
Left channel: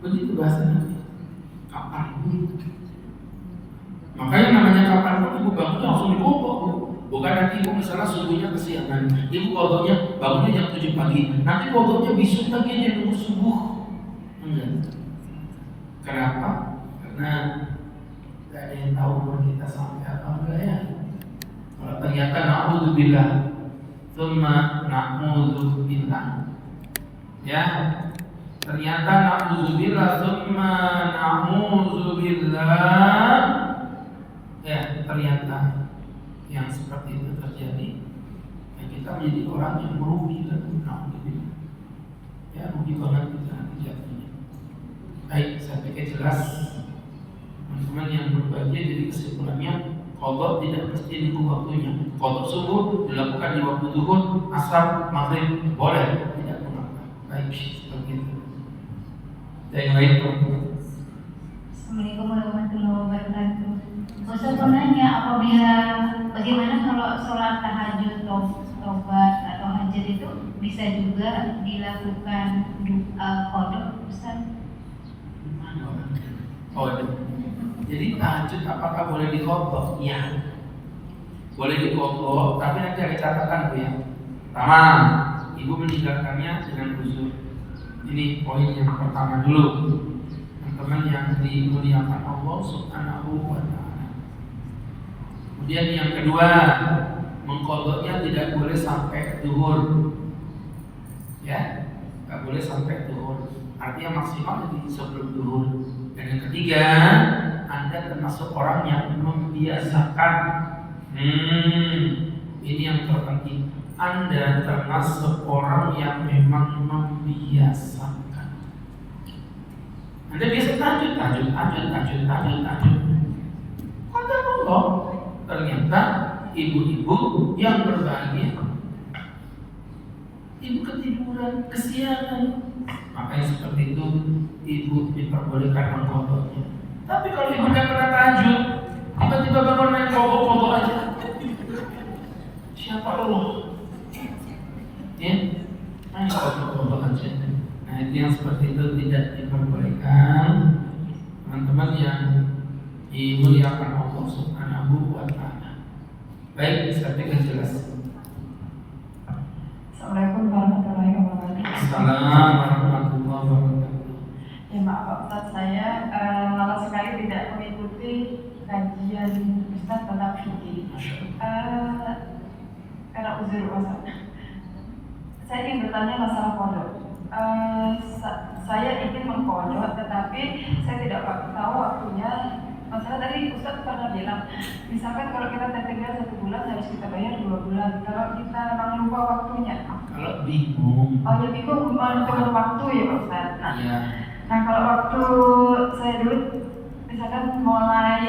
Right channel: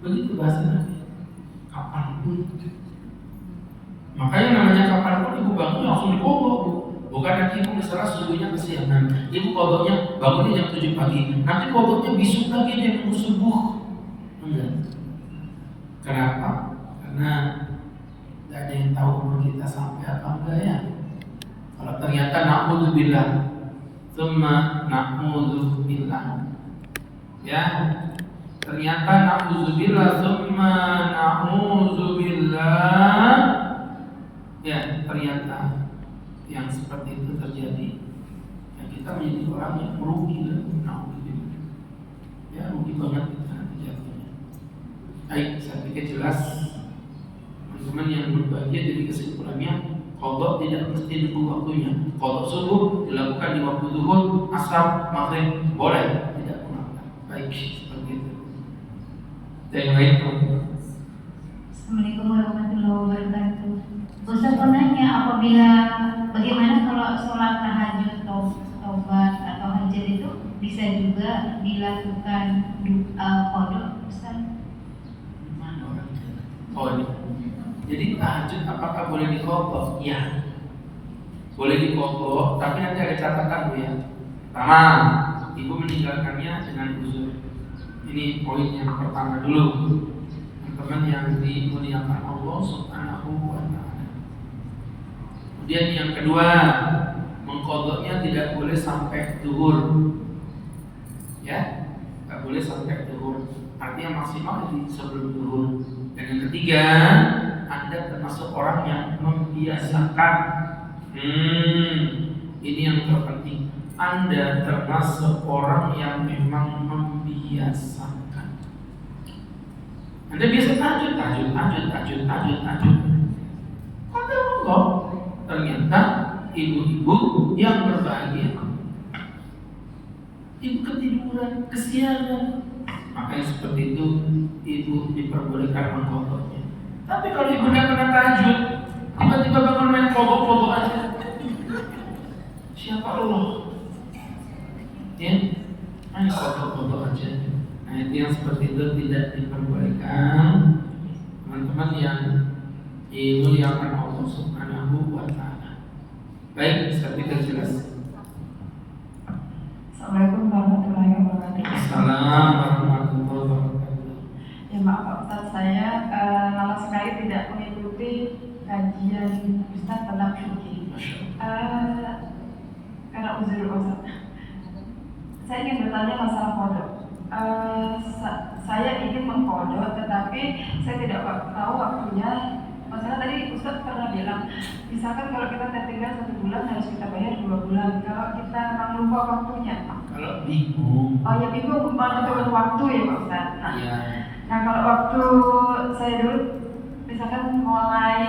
Begitu bahasa Nabi. Kapanpun. Makanya namanya kapanpun ibu bangunnya langsung diqadha. Bukan nanti ibu misalnya subuhnya kesiangan, ibu kodoknya bangunnya jam 7 pagi, nanti kodoknya besok lagi dia nunggu subuh. Enggak. Kenapa? Karena tidak ada yang tahu umur kita sampai apa enggak ya. Kalau ternyata na'udzubillah, tsumma na'udzubillah, ya, ternyata na'udzubillah, tsumma na'udzubillah, ya, ternyata yang seperti itu terjadi, ya kita menjadi orang yang merugi dan na'udzubillah, ya, rugi banget kita nanti jatuhnya. Baik, saya pikir jelas teman-teman yang berbahagia. Jadi kesimpulannya, qadha tidak mesti nunggu waktunya. Qadha subuh dilakukan di waktu zuhur, asar, maghrib boleh, tidak mengapa. Baik, seperti itu. Dan yang lain, Assalamualaikum warahmatullahi wabarakatuh. Ustaz mau nanya, bagaimana kalau sholat tahajud tobat atau hajat itu bisa juga dilakukan qadha, Ustaz? oh, jadi tahajud apakah boleh diqadha? Ya, boleh diqadha, tapi nanti ada catatan Bu ya. Pertama, ibu meninggalkannya dengan uzur. Ini poin yang pertama dulu, teman-teman yang dimuliakan Allah Subhanahu wa Ta'ala. Kemudian yang kedua, mengqadhanya tidak boleh sampai zuhur, ya, tidak boleh sampai zuhur. Artinya maksimal di sebelum zuhur. Dan yang ketiga, Anda termasuk orang yang membiasakan. Ini yang terpenting. Anda termasuk orang yang memang membiasakan. Anda biasa tahajud. Kata Allah, ternyata ibu-ibu yang berbahagia, ibu ketiduran, kesiangan, maka yang seperti itu ibu diperbolehkan mengqadhanya. Tapi kalau ibu tidak pernah tahajud, tiba-tiba bangun main kobok aja, siapa Allah? Ya, main kobok aja. Nah, itu yang seperti itu tidak diperbolehkan. Teman-teman yang dimuliakan Allah Subhanahu wa Ta'ala. Baik, saya pikir jelas. Assalamualaikum warahmatullahi wabarakatuh. Assalamualaikum warahmatullahi wabarakatuh. Ya maaf Pak Ustaz, saya lama sekali tidak mengikuti kajian Ustaz tentang fikih. Karena uzur Ustaz. Saya ingin bertanya masalah qadha. Saya ingin mengqadha, tetapi saya tidak tahu waktunya. Masalah tadi Ustaz pernah bilang, misalkan kalau kita tertinggal 1 bulan harus kita bayar 2 bulan. Kalau kita lupa waktunya, kalau bingung, oh ya bingung menentukan waktu ya Pak Ustaz. ya. Nah kalau waktu saya dulu misalkan mulai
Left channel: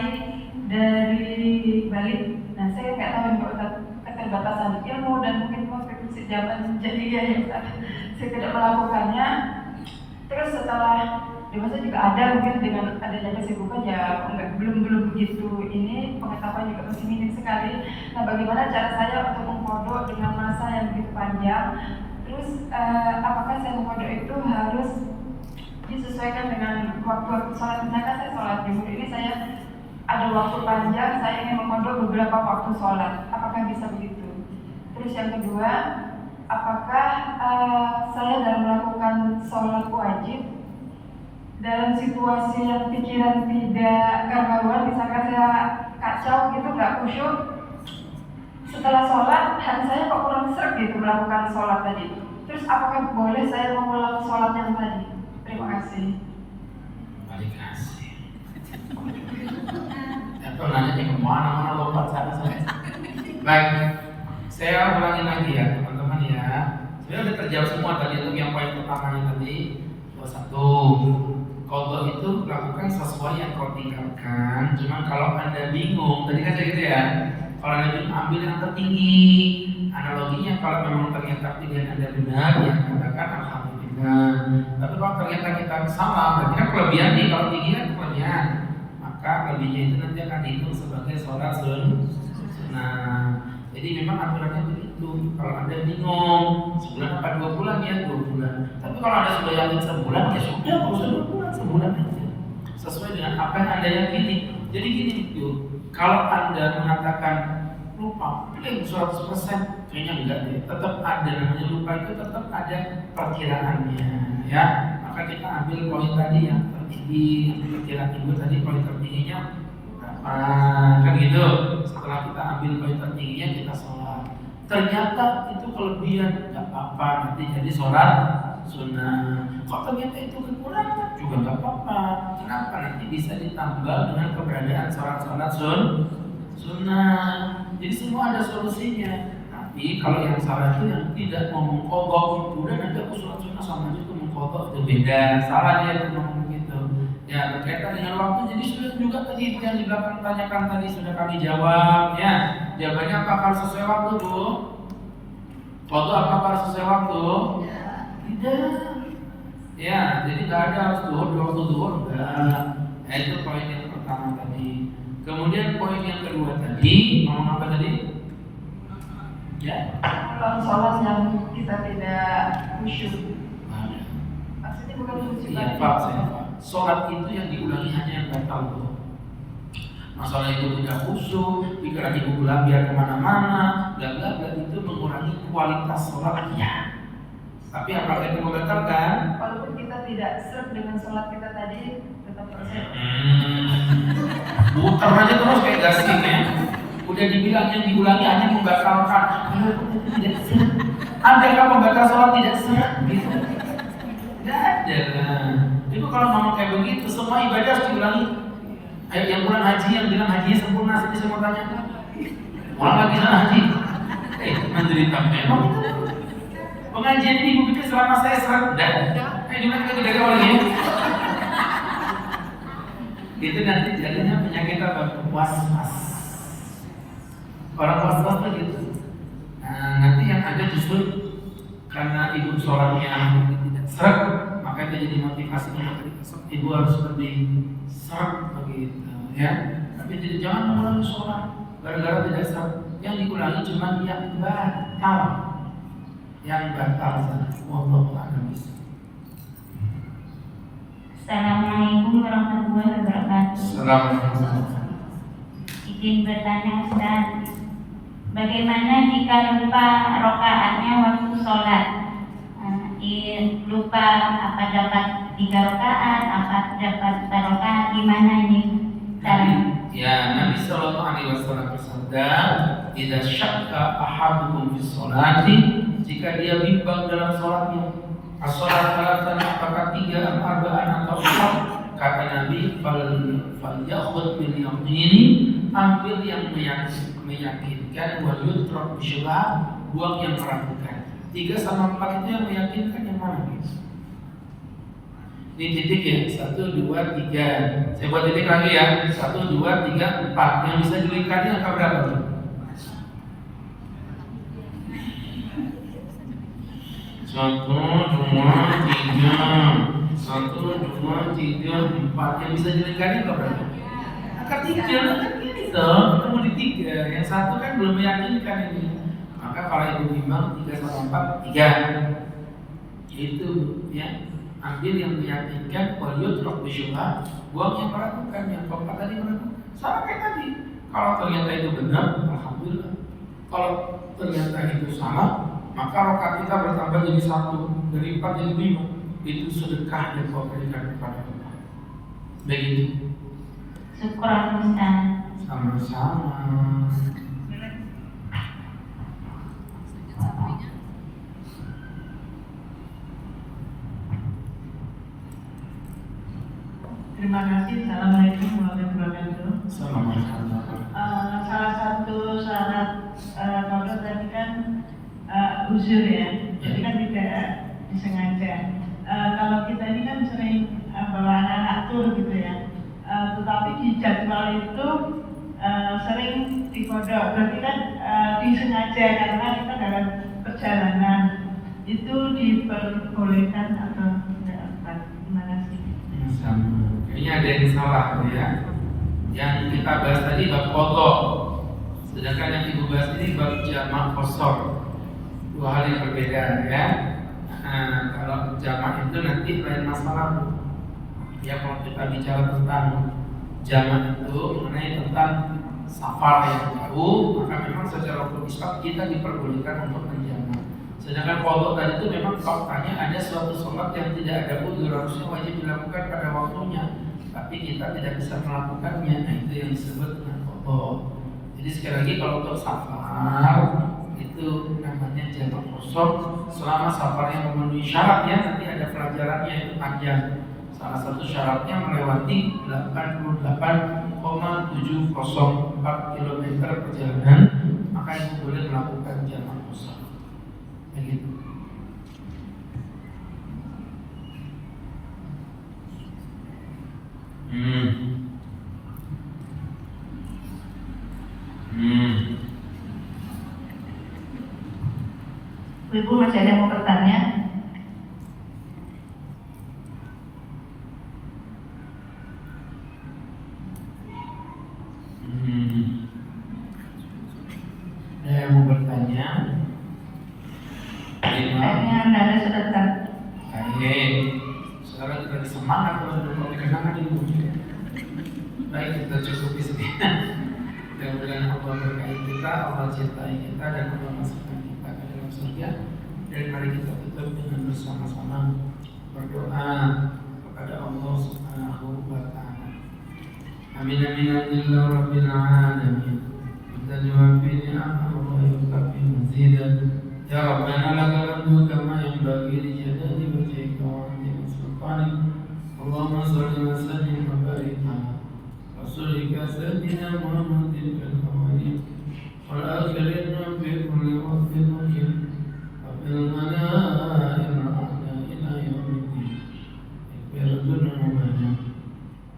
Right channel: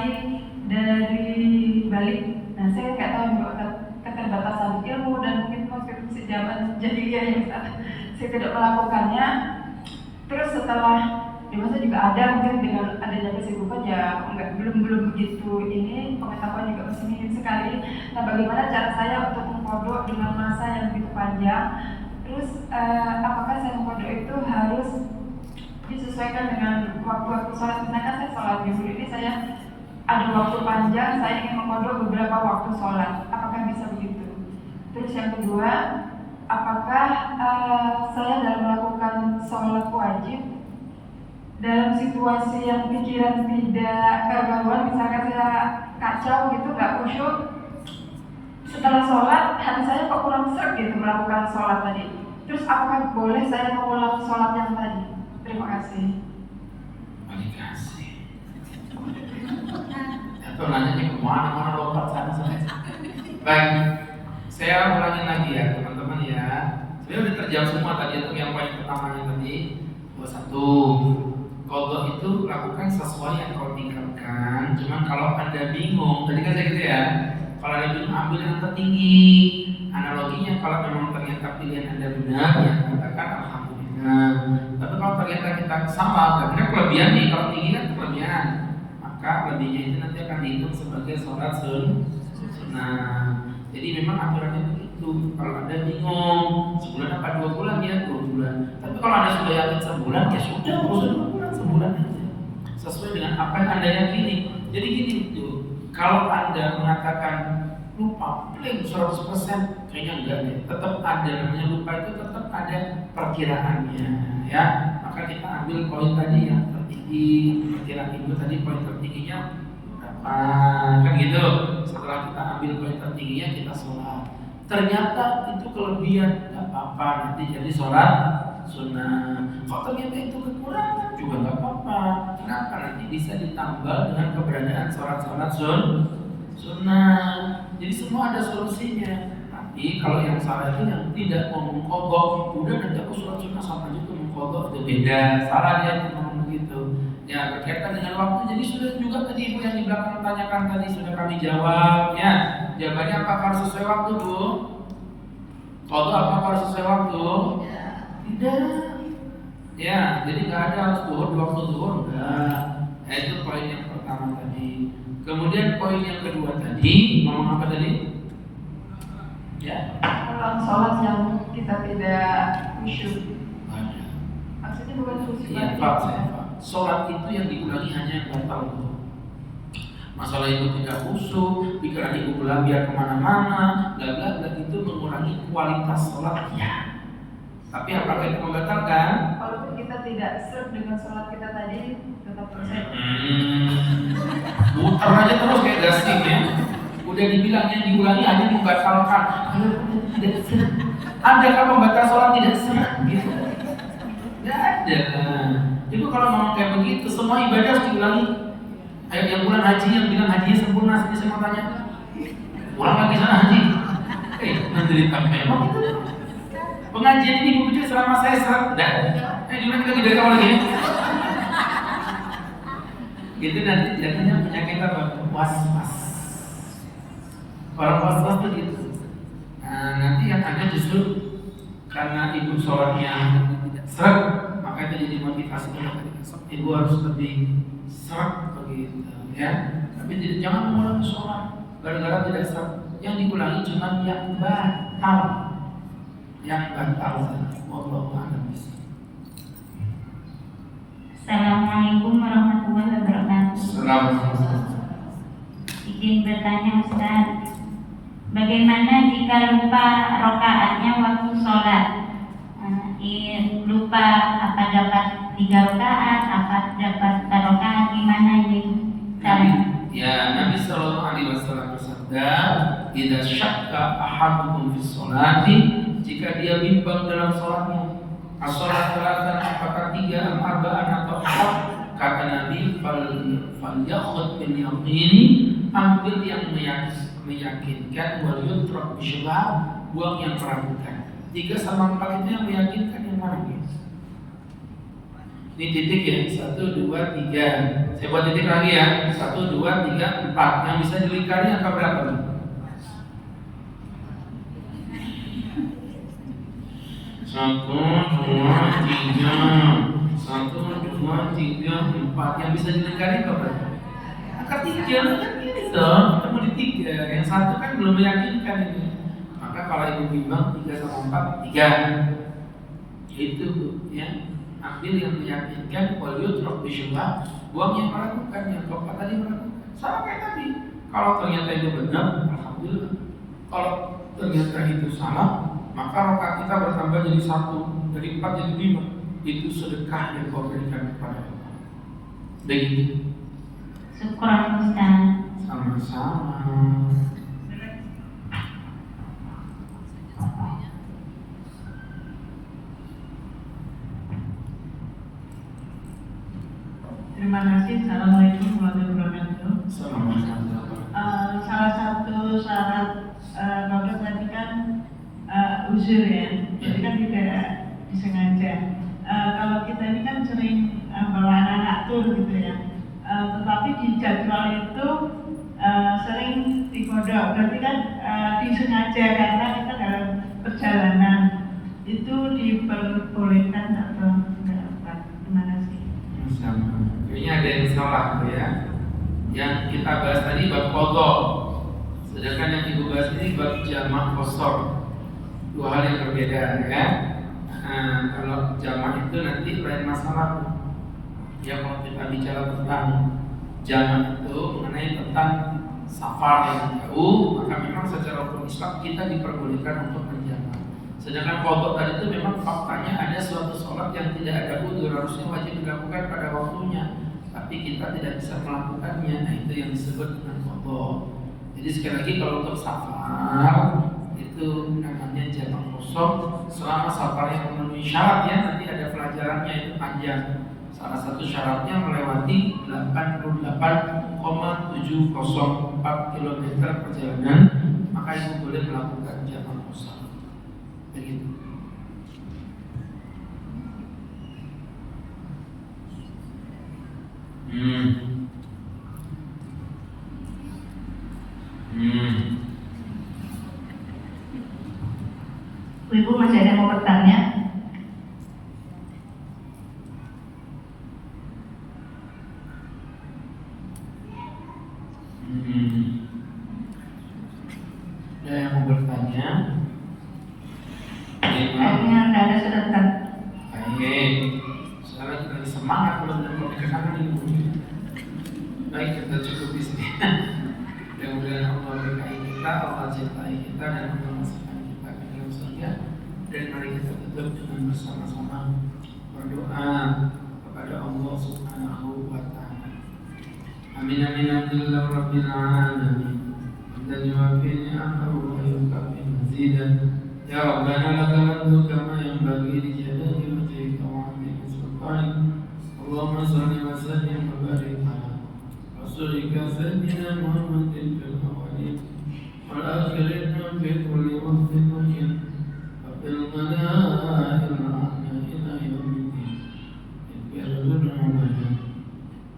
dari balik, nah saya nggak tahu Pak Ustaz keterbatasan ilmu dan mungkin konstitusi zaman jahiliyah yang saya tidak melakukannya. Terus setelah dewasa juga ada, mungkin dengan adanya kesibukan ya belum begitu ini, pengetahuan juga masih minim sekali. Nah bagaimana cara saya untuk mengqadha dengan masa yang begitu panjang? Terus apakah saya mengqadha itu harus disesuaikan dengan waktu sholat? Sedangkan saya sholat zuhur ini saya ada waktu panjang, saya ingin mengqadha beberapa waktu sholat. Apakah bisa begitu? Terus yang kedua, apakah saya dalam melakukan sholat wajib dalam situasi yang pikiran tidak kegabuan, misalkan saya kacau gitu, nggak khusyuk, setelah sholat hati saya kok kurang sreg gitu melakukan sholat tadi. Terus apakah boleh saya mengulang sholat yang tadi? Terima kasih. Terima kasih. Atau nanya ke mana lompat sana. Baik, saya ulangin lagi ya teman-teman ya. Saya udah terjawab semua tadi untuk yang poin pertamanya tadi 21. Qadha itu lakukan sesuai yang kau tinggalkan. Cuma kalau Anda bingung, tadi kan saya gitu ya. Kalau Anda bingung, ambil yang tertinggi. Analoginya kalau memang ternyata pilihan Anda benar, ya katakan alhamdulillah. Tapi kalau ternyata kita sama, berarti kan kelebihan nih. Kalau tinggi kan kelebihan, maka lebihnya itu nanti akan dihitung sebagai sholat sunnah. Jadi memang aturannya begitu. Kalau Anda bingung, sebulan apa 2 bulan ya 2 bulan. Tapi kalau Anda sudah yakin sebulan, ya sudah 2 bulan, sebulan aja. Sesuai dengan apa yang Anda yakini. Jadi gini tuh, kalau Anda mengatakan lupa, plain 100% kayaknya enggak deh. Tetap ada, namanya lupa itu tetap ada perkiraannya, ya. Maka kita ambil poin tadi yang tertinggi, perkiraan ibu tadi poin tertingginya berapa, kan gitu. Setelah kita ambil poin tertingginya kita sholat. Ternyata itu kelebihan, nggak apa-apa, nanti jadi sholat sunnah. Kok ternyata itu kekurangan juga nggak apa-apa. Kenapa? Nanti bisa ditambah dengan keberadaan sholat-sholat sunnah. Jadi semua ada solusinya. Tapi kalau yang salah itu yang tidak mau mengkodok, udah nanti aku sholat sunnah sama aja tuh mengkodok, itu beda. Salah dia itu ngomong gitu. Ya berkaitan dengan waktu. Jadi sudah juga tadi ibu yang di belakang tanyakan tadi sudah kami jawab. Ya jawabannya apakah sesuai waktu bu? Kodok apakah sesuai waktu? Tidak. Ya, jadi nggak ada harus duhur waktu duhur enggak. Ya, itu poin yang pertama tadi. Kemudian poin yang kedua tadi ngomong apa tadi? Ya. Kalau sholat yang kita tidak khusyuk. Ada. Maksudnya bukan khusyuk. Iya, Pak. Sholat itu yang diulangi hanya yang batal. Masalah itu tidak khusyuk, pikiran ibu berlambiar kemana-mana, bla bla bla, itu mengurangi kualitas sholatnya. Tapi apakah itu membatalkan? Walaupun kita tidak serp dengan sholat kita tadi, tetap selesai. Muter aja terus kayak gasing ya. Udah dibilang yang diulangi hanya membatalkan. Tidak serp. Andaikan pembatal sholat tidak serp, gitu. Tidak ada. Ibu kalau ngomong kayak begitu, semua ibadah harus diulangi. Ayo yang pulang haji, yang bilang hajinya sempurna, sini saya mau tanya. Orang lagi sana haji. Menderita memang itu. Pengajian ini ibu pikir selama saya serap. Udah. Gimana kita udah kapan lagi? Itu nanti jadinya penyakit apa? Was-was. Orang was-was tuh gitu. Nah, nanti yang ada justru karena ibu sholatnya tidak serap, maka itu jadi motivasi untuk hari esok ibu harus lebih serap begitu, ya. Tapi jangan mengulangi sholat gara-gara tidak serap. Yang dikulangi cuma yang batal, yang batal saja. Wallahu a'lam bishawab. Assalamualaikum warahmatullahi wabarakatuh. Assalamualaikum. Izin bertanya Ustaz, bagaimana jika lupa rokaatnya waktu sholat? Lupa apa dapat 3 rakaat, apa dapat 4 rakaat, gimana ini? Nabi Sallallahu Alaihi Wasallam bersabda, "Idza syakka ahadukum fi sholati," jika dia bimbang dalam sholatnya, as-sholat salatan apakah 3, arba'an atau 4, kata Nabi, "Falyakhud bil yaqini," ambil yang meyakinkan, wal yutruk bisyubhat, buang yang meragukan. 3 sama 4 itu yang meyakinkan, yang mana guys? Ini titik ya, 1, 2, 3. Saya buat titik lagi ya, 1, 2, 3, 4. Yang bisa dilingkari angka berapa nih? 1, 2, 3. 1, 2, 3, 4. Yang bisa dilingkari apa berapa? Angka 3 kan gitu, ketemu di 3. Yang 1 kan belum meyakinkan ini. Maka kalau ibu bimbang 3 sama 4, 3. Itu ya. Ambil yang meyakinkan, wal yutruk bisyubhat, buang yang meragukan, yang keempat tadi meragukan. Sama kayak tadi. Kalau ternyata itu benar, alhamdulillah. Kalau ternyata itu salah, maka rakaat kita bertambah jadi 1, dari 4 jadi 5. Itu sedekah yang kau berikan kepada Allah. Begitu. Syukran Ustaz. Sama-sama. Terima kasih. Assalamualaikum warahmatullahi wabarakatuh. Salah satu syarat dokter tadi kan uzur ya, jadi kan tidak disengaja. Kalau kita ini kan sering bawa anak tur gitu ya, tetapi di jadwal itu sering dikodok, berarti kan disengaja karena kita dalam perjalanan. Itu diperbolehkan atau tidak? Terima kasih. Kayaknya ada yang salah tuh ya. Yang kita bahas tadi bab qadha, sedangkan yang ibu bahas ini bab jamak qasar. 2 hal yang berbeda ya. Nah, kalau jamak itu nanti lain masalah. Ya kalau kita bicara tentang jamak itu mengenai tentang safar yang jauh, maka memang secara hukum Islam kita diperbolehkan untuk menjamak. Sedangkan qadha tadi itu memang faktanya ada suatu sholat yang tidak ada udzur, harusnya wajib dilakukan pada waktunya, tapi kita tidak bisa melakukannya. Nah, itu yang disebut dengan qadha. Jadi sekali lagi kalau untuk safar itu namanya jamak qasar selama safarnya memenuhi syaratnya. Nanti ada pelajarannya, itu panjang. Salah satu syaratnya melewati 88,704 km perjalanan, maka itu boleh melakukan jamak qasar. Begitu. Ibu masih ada yang mau bertanya? Ada yang mau bertanya? Kayaknya ada sudah ter. Baik, sekarang kita lagi semangat belum kenangan ini. Baik, kita cukup di sini. Mudah-mudahan Allah berkahi kita, Allah cintai kita, dan Allah masukkan kita ke dalam surga. Dan mari kita tutup dengan bersama-sama berdoa kepada Allah Subhanahu wa Ta'ala. Amin amin alhamdulillah rabbil alamin. Kita yuwaffi ni'amahu wa yukafi mazidah. Ya Rabbana lakal hamdu kama yanbaghi li jalali wajhika wa 'azimi sultanik. Allahumma shalli wa sallim wa barik ala rasulika sayyidina Muhammadin fil awwalin wal akhirin wa fi kulli waqtin wa hin wa fil ghanaa'il a'la ila yawmiddin. Ighfir dhunubana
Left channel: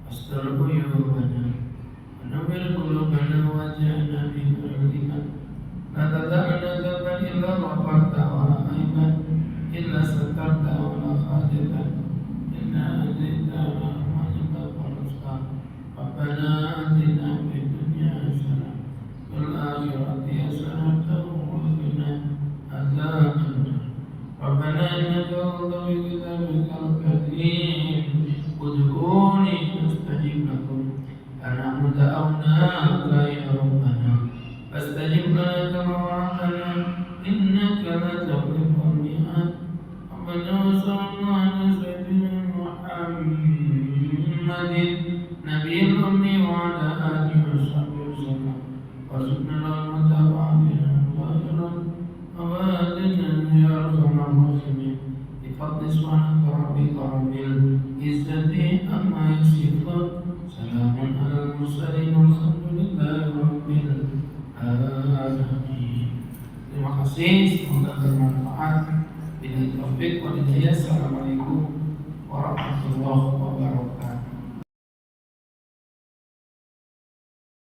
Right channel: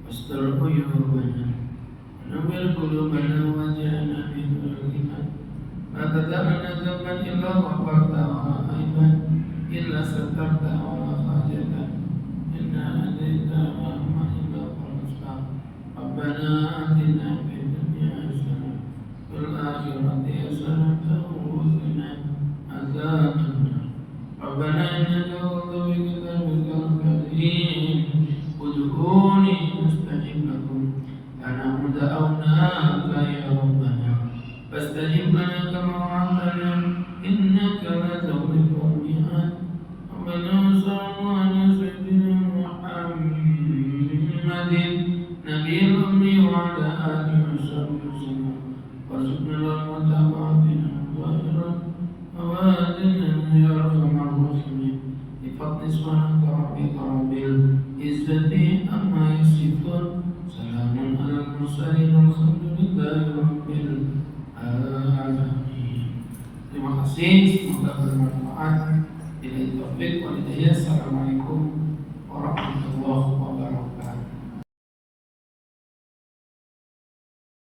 wastur uyubana nawwir qulubana waj'alna fi qulubina la tad'ana dhanban illa ghafarta wa aiban illa satarta wa khajatan inna adaita rahmatika wal mustab. Rabbana atina fid dunya hasanah wal akhirati hasanah wa qina adzaban nar. Rabbana innaka taqulu bi kitabikal karim ud'uni astajib lakum ana da'awnaka ya rabbana fastajib lana kama wa'adtana innaka la tukhlifu al-mi'ad. Rabbana salli ala sayyidina Muhammadin nabiyil ummi wa ala alihi wa sahbihi wasallam warzuqna al-mutaba'atina zahiran wa batinan ya arhamar rahimin. Bi fadli subhanaka rabbika rabbil izzati amma yasifun. Salamun alal mursalin walhamdulillahi rabbil alamin. Terima kasih, semoga bermanfaat. Bila taufik wal hidayah. Assalamualaikum warahmatullahi wabarakatuh.